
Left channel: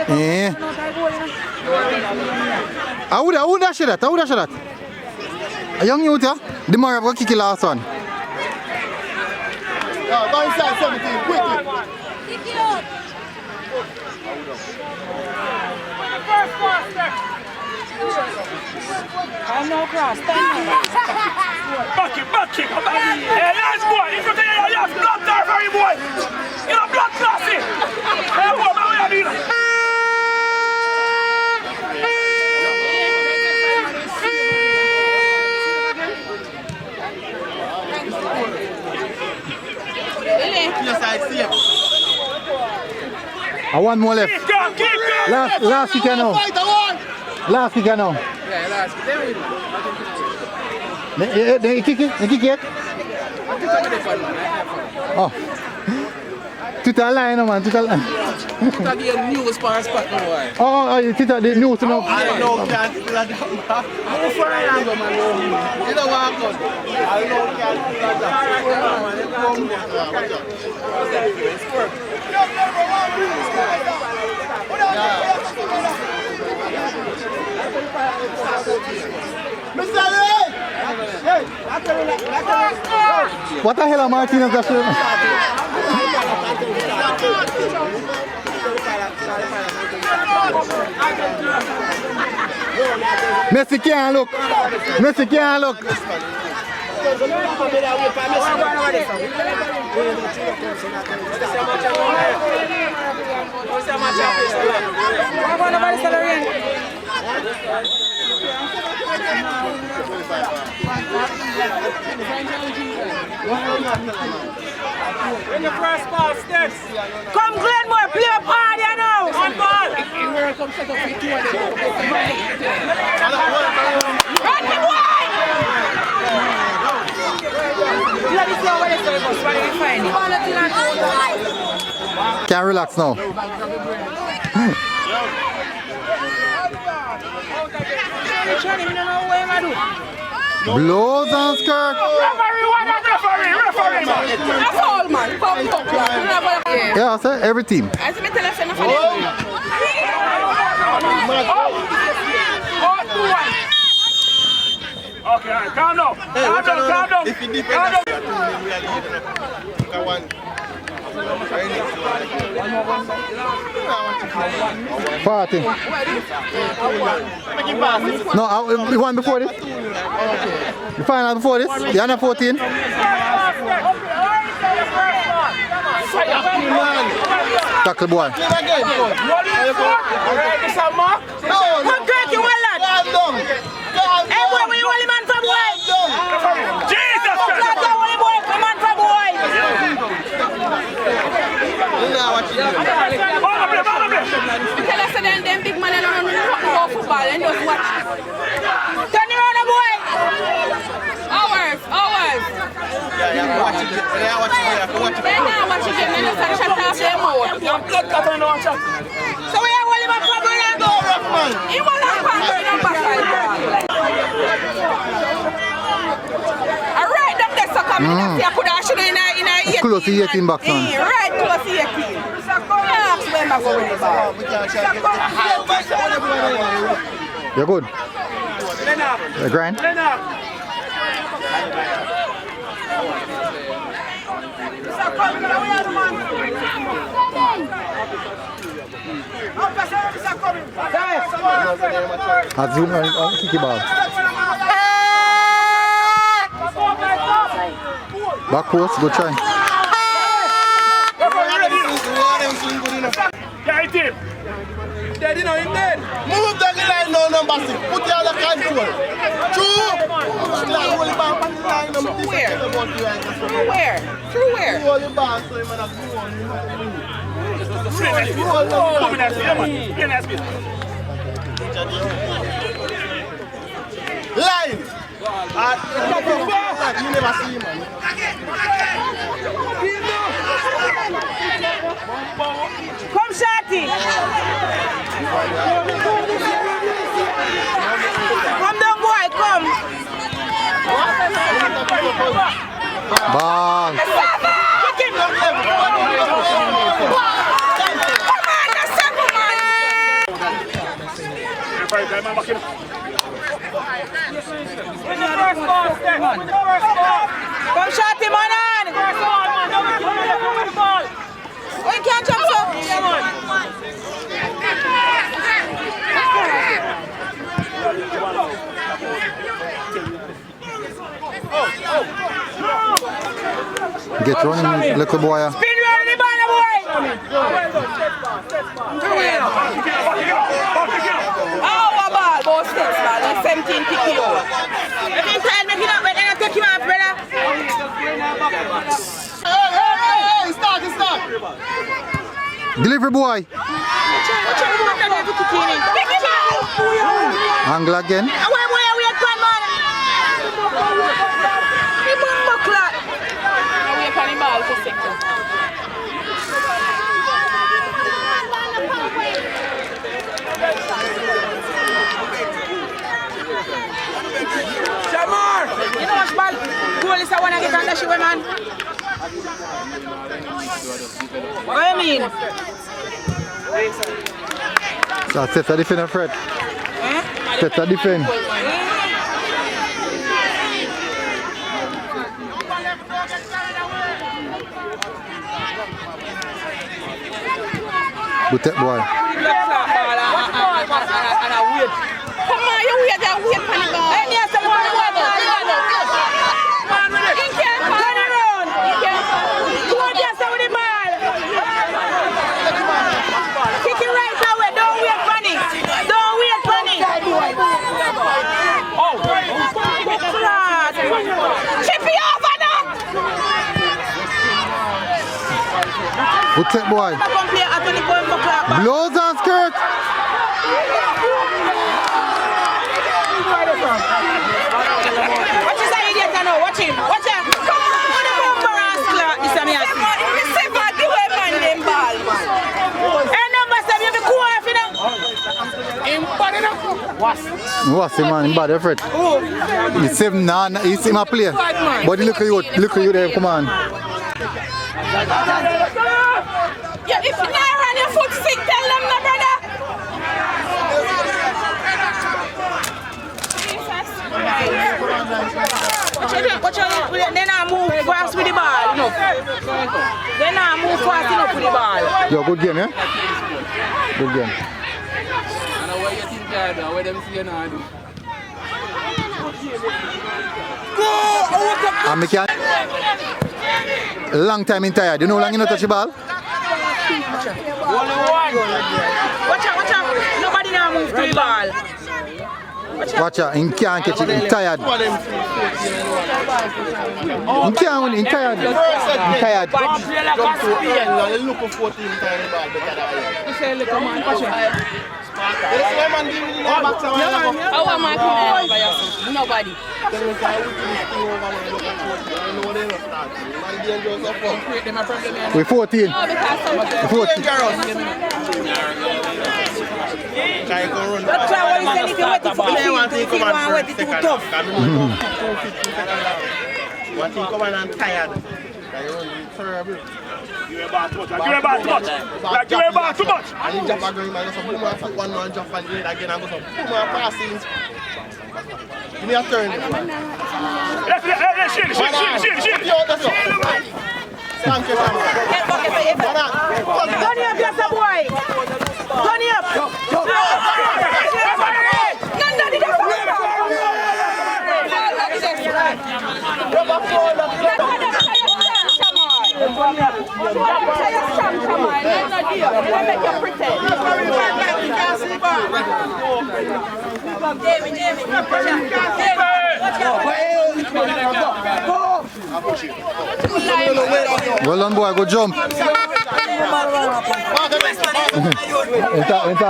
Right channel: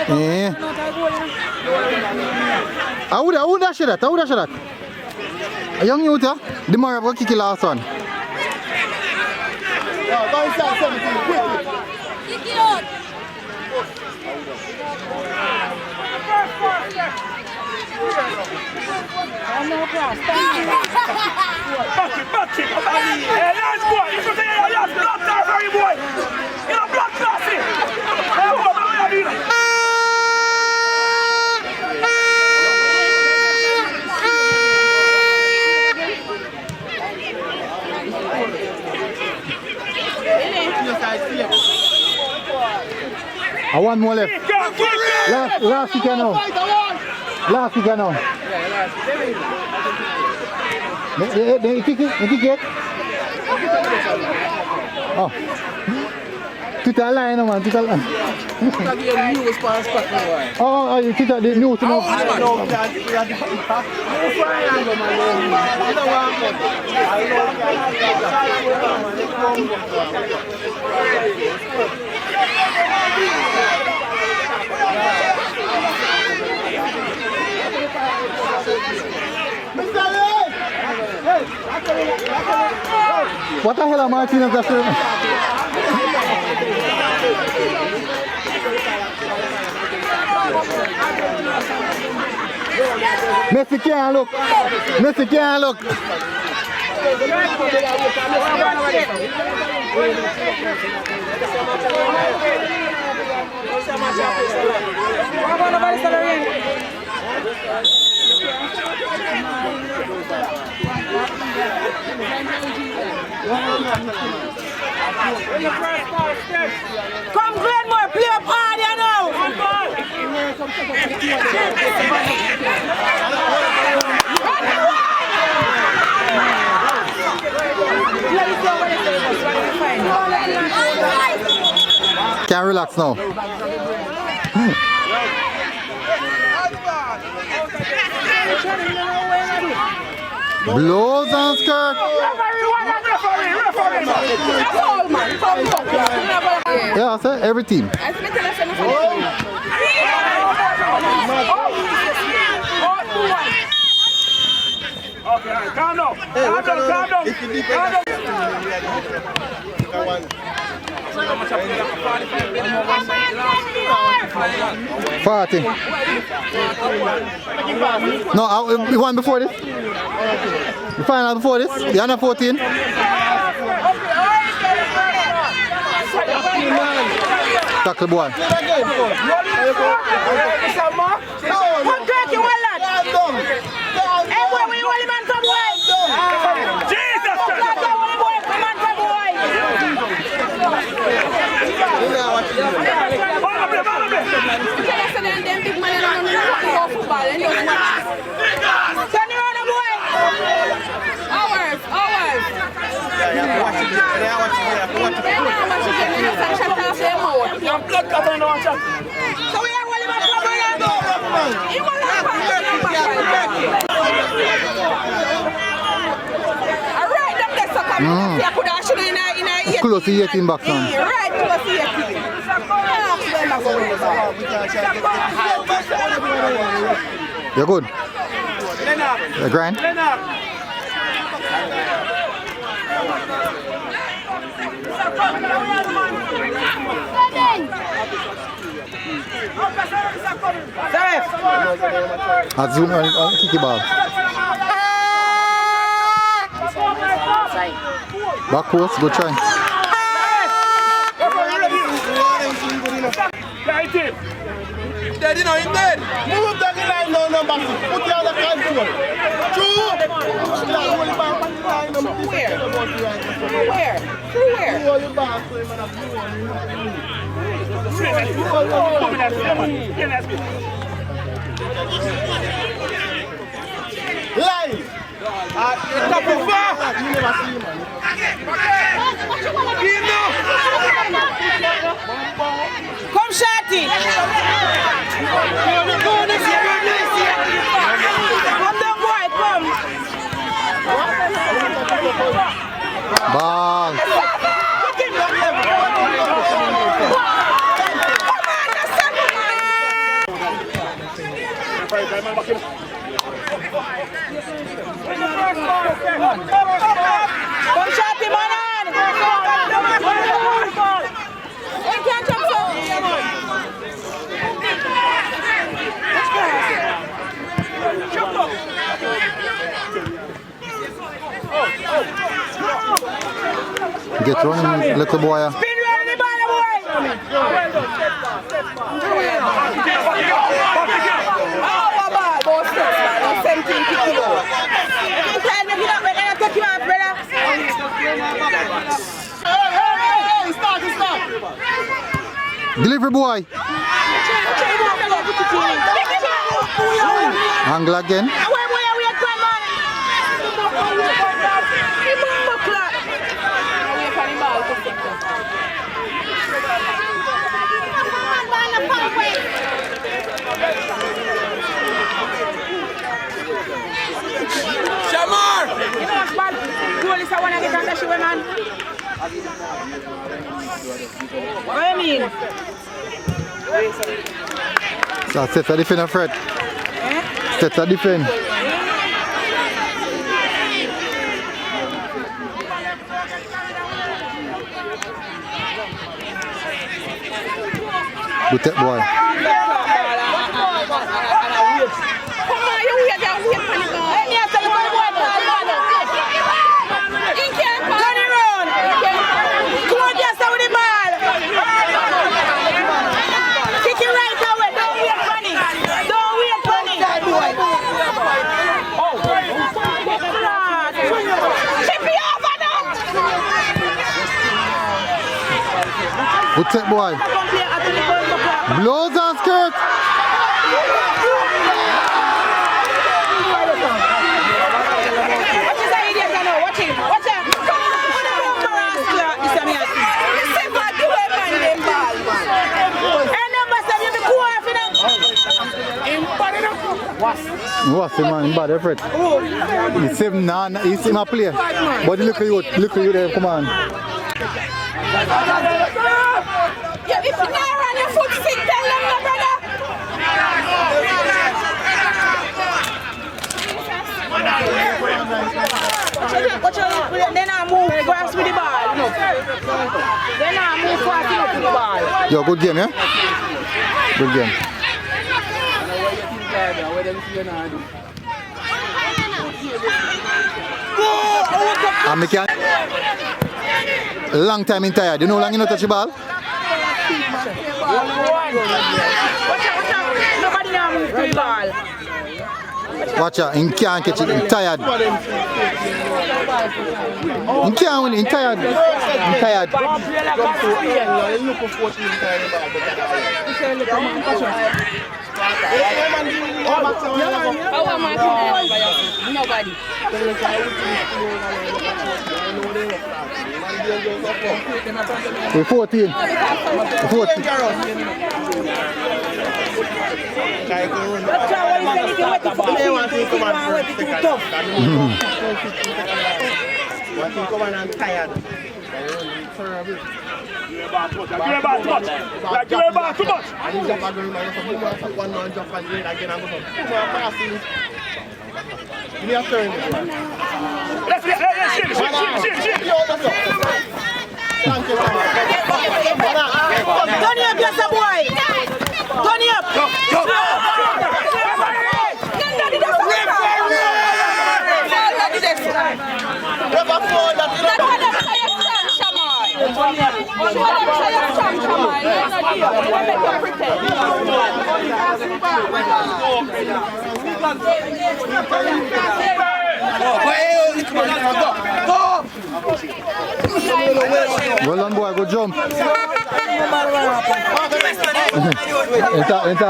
Yeah. I would dash that. A young youth, yeah? The more of kick the last one. Go inside 17, quickly. I one more left. Last kick now. Last kick now. They kick it. Oh. Total line, man. Total line. Again, news for spot for why. Oh, you think that the news enough? I know can't see that. Move for an angle, man. You don't want to cut. I know can't see that. What the hell are Martinez after? Messi can't look. Messi can't look. Come Glenmuir, play up hard, you know. Can't relax now. Blows and skirt. Yeah, I said every team. Calm down. If you defend, 40. No, the one before this. The final before this. The under 14. Tackle boy. Close to 18 bucks on. You're good. You're grand. I'll zoom on kicky ball. Back post, good try. Dead, you know, he's dead. Move down the line now, number 6. Put you on the control. True. Where? Where? Through where? Live. You never see him, man. Come Shorty. Come down boy, come. Ball. Come Shorty, man. We can't jump so. Get running, little boy. Spin round the ball, boy. Oh, a ball, both steps, man. That's 17 kilos. Hey, stop. Delivery boy. Angle again. pressure, man. What do you mean? So set a defend, Fred. Set a defend. Good tech boy. Good tech boy. Blows and skirt. What's the man in bad effort? He's him now, he's him a player. But look at you there, come on. If you not run your foot sick, tell them no, brother. Watch out, they not move fast with the ball. No. They not move fast enough with the ball. Yo, good game, yeah? Good game. And me can long time in tired. You know how long you not touch the ball? Watch out. Nobody now move to the ball. Watch out, he can't catch it, he's tired. He can't win, he's tired. He's tired. Nobody. We're 14. We're 14. That's why what he said, if you wait for the field, if you want to wait, it's too tough. What you come and tired? You're about too much. You're about too much. And you jump again, man. So boom, I fuck one man, jump again, and go some boom, passing. Give me a turn. Let's shit. Thank you, man. Turn up, yes, boy. Turn up. Well done, boy, good jump. Enter,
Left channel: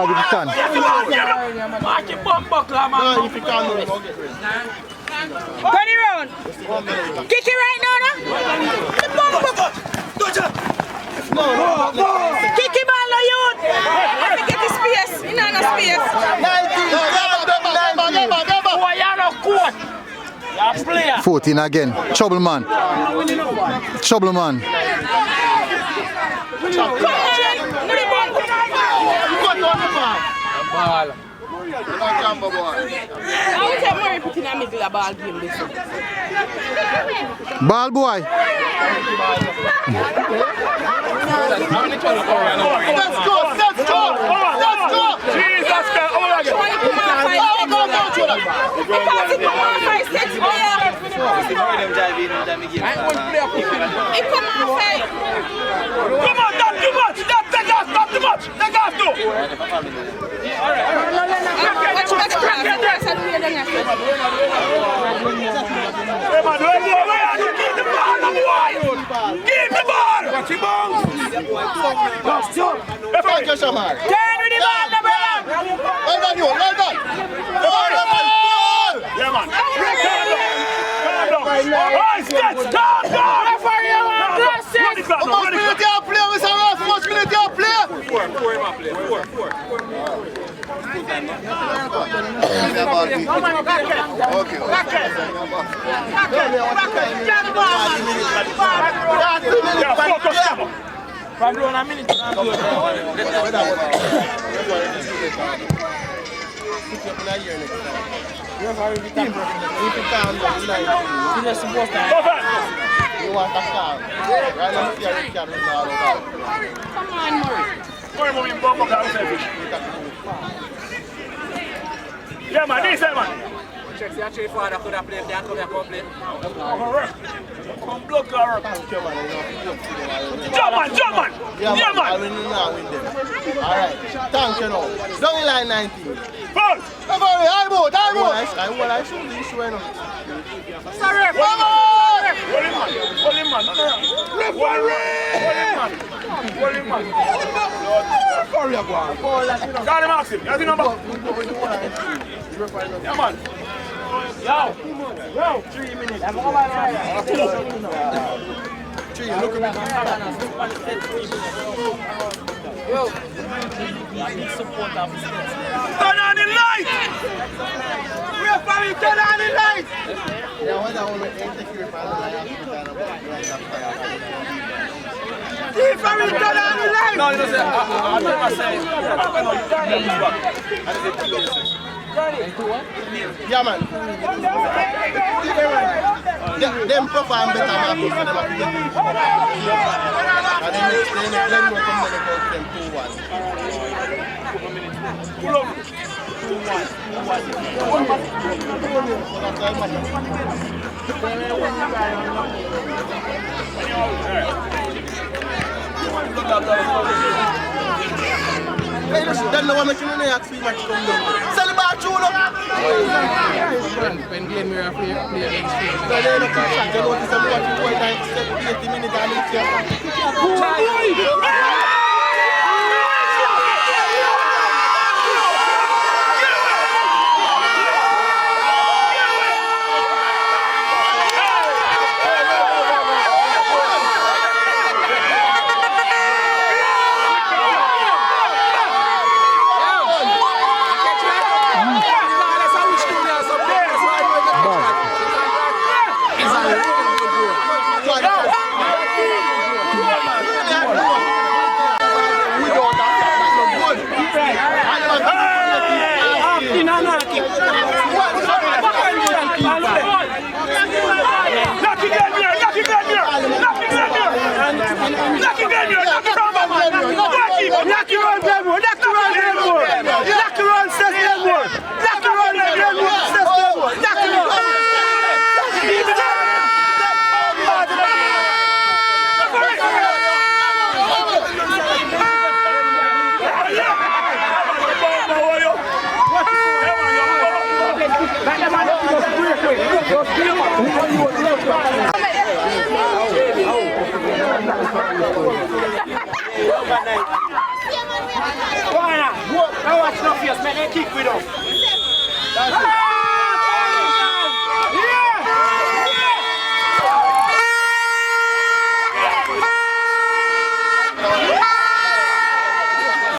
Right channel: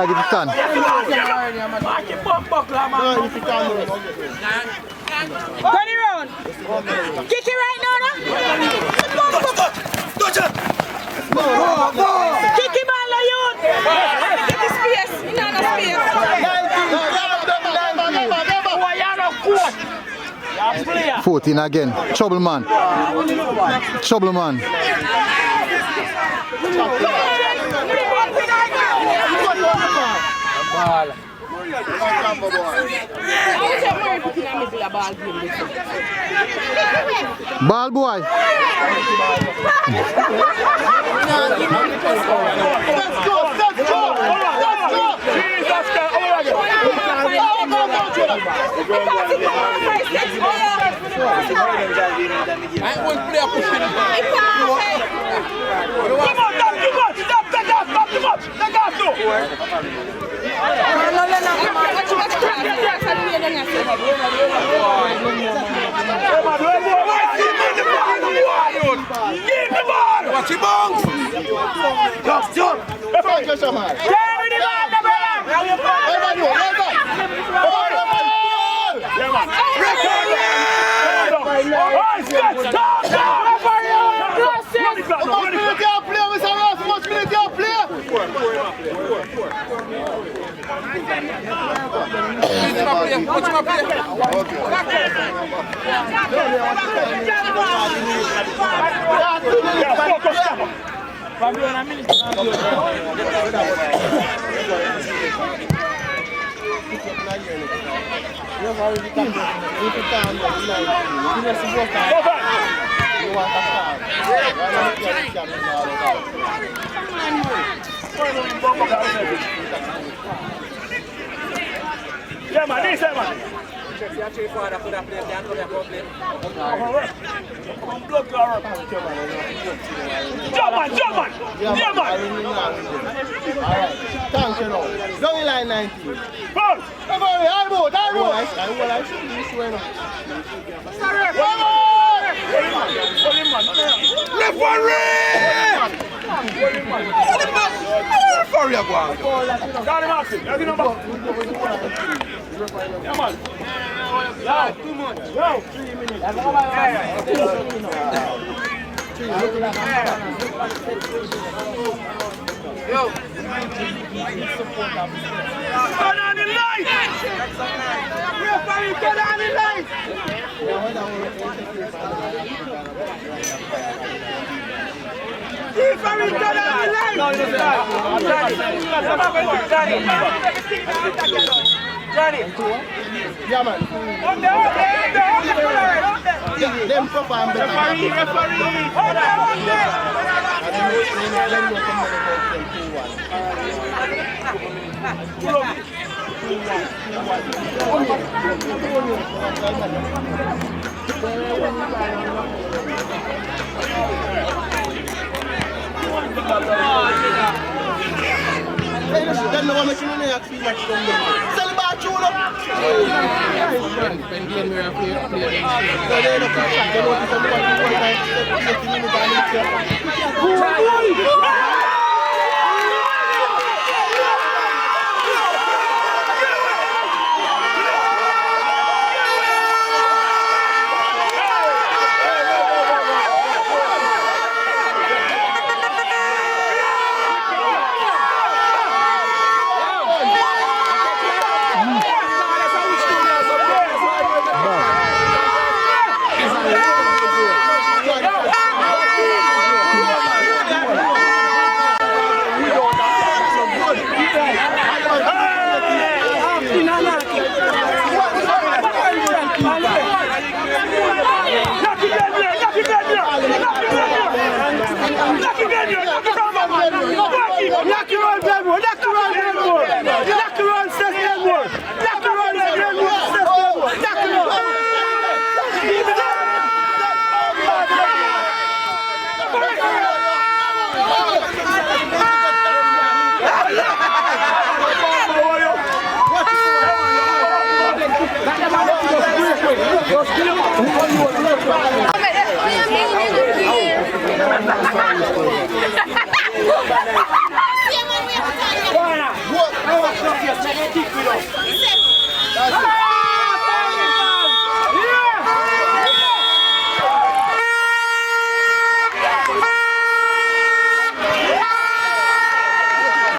give it stand. Turn it round. Kick it right now, no? Kick it, man, no youth. Get the space. You know no space. Never. 14 again. Trouble man. Trouble man. Ball boy. Yeah, man, this man. Jump man. Yeah, man. Alright, thank you now. Down in line 19. Paul. I see this way now. Left one Got him, Maxim. Got him, number. Yeah, man. Yo. 3 minutes. Turn on the light! Turn on the light! Yeah, man. Them perform better than us. And then Glenmuir come back about 2-1. Then no one making any action match from them. Sell it back, Chulo. When Glenmuir play against you. No, they don't come back. They notice everyone who was like 80 minutes and it's here. Knock your own Glenmuir, knock your own Glenmuir, knock your own Seth Glenmuir, knock your own Glenmuir, Seth Glenmuir, knock your own. That's it.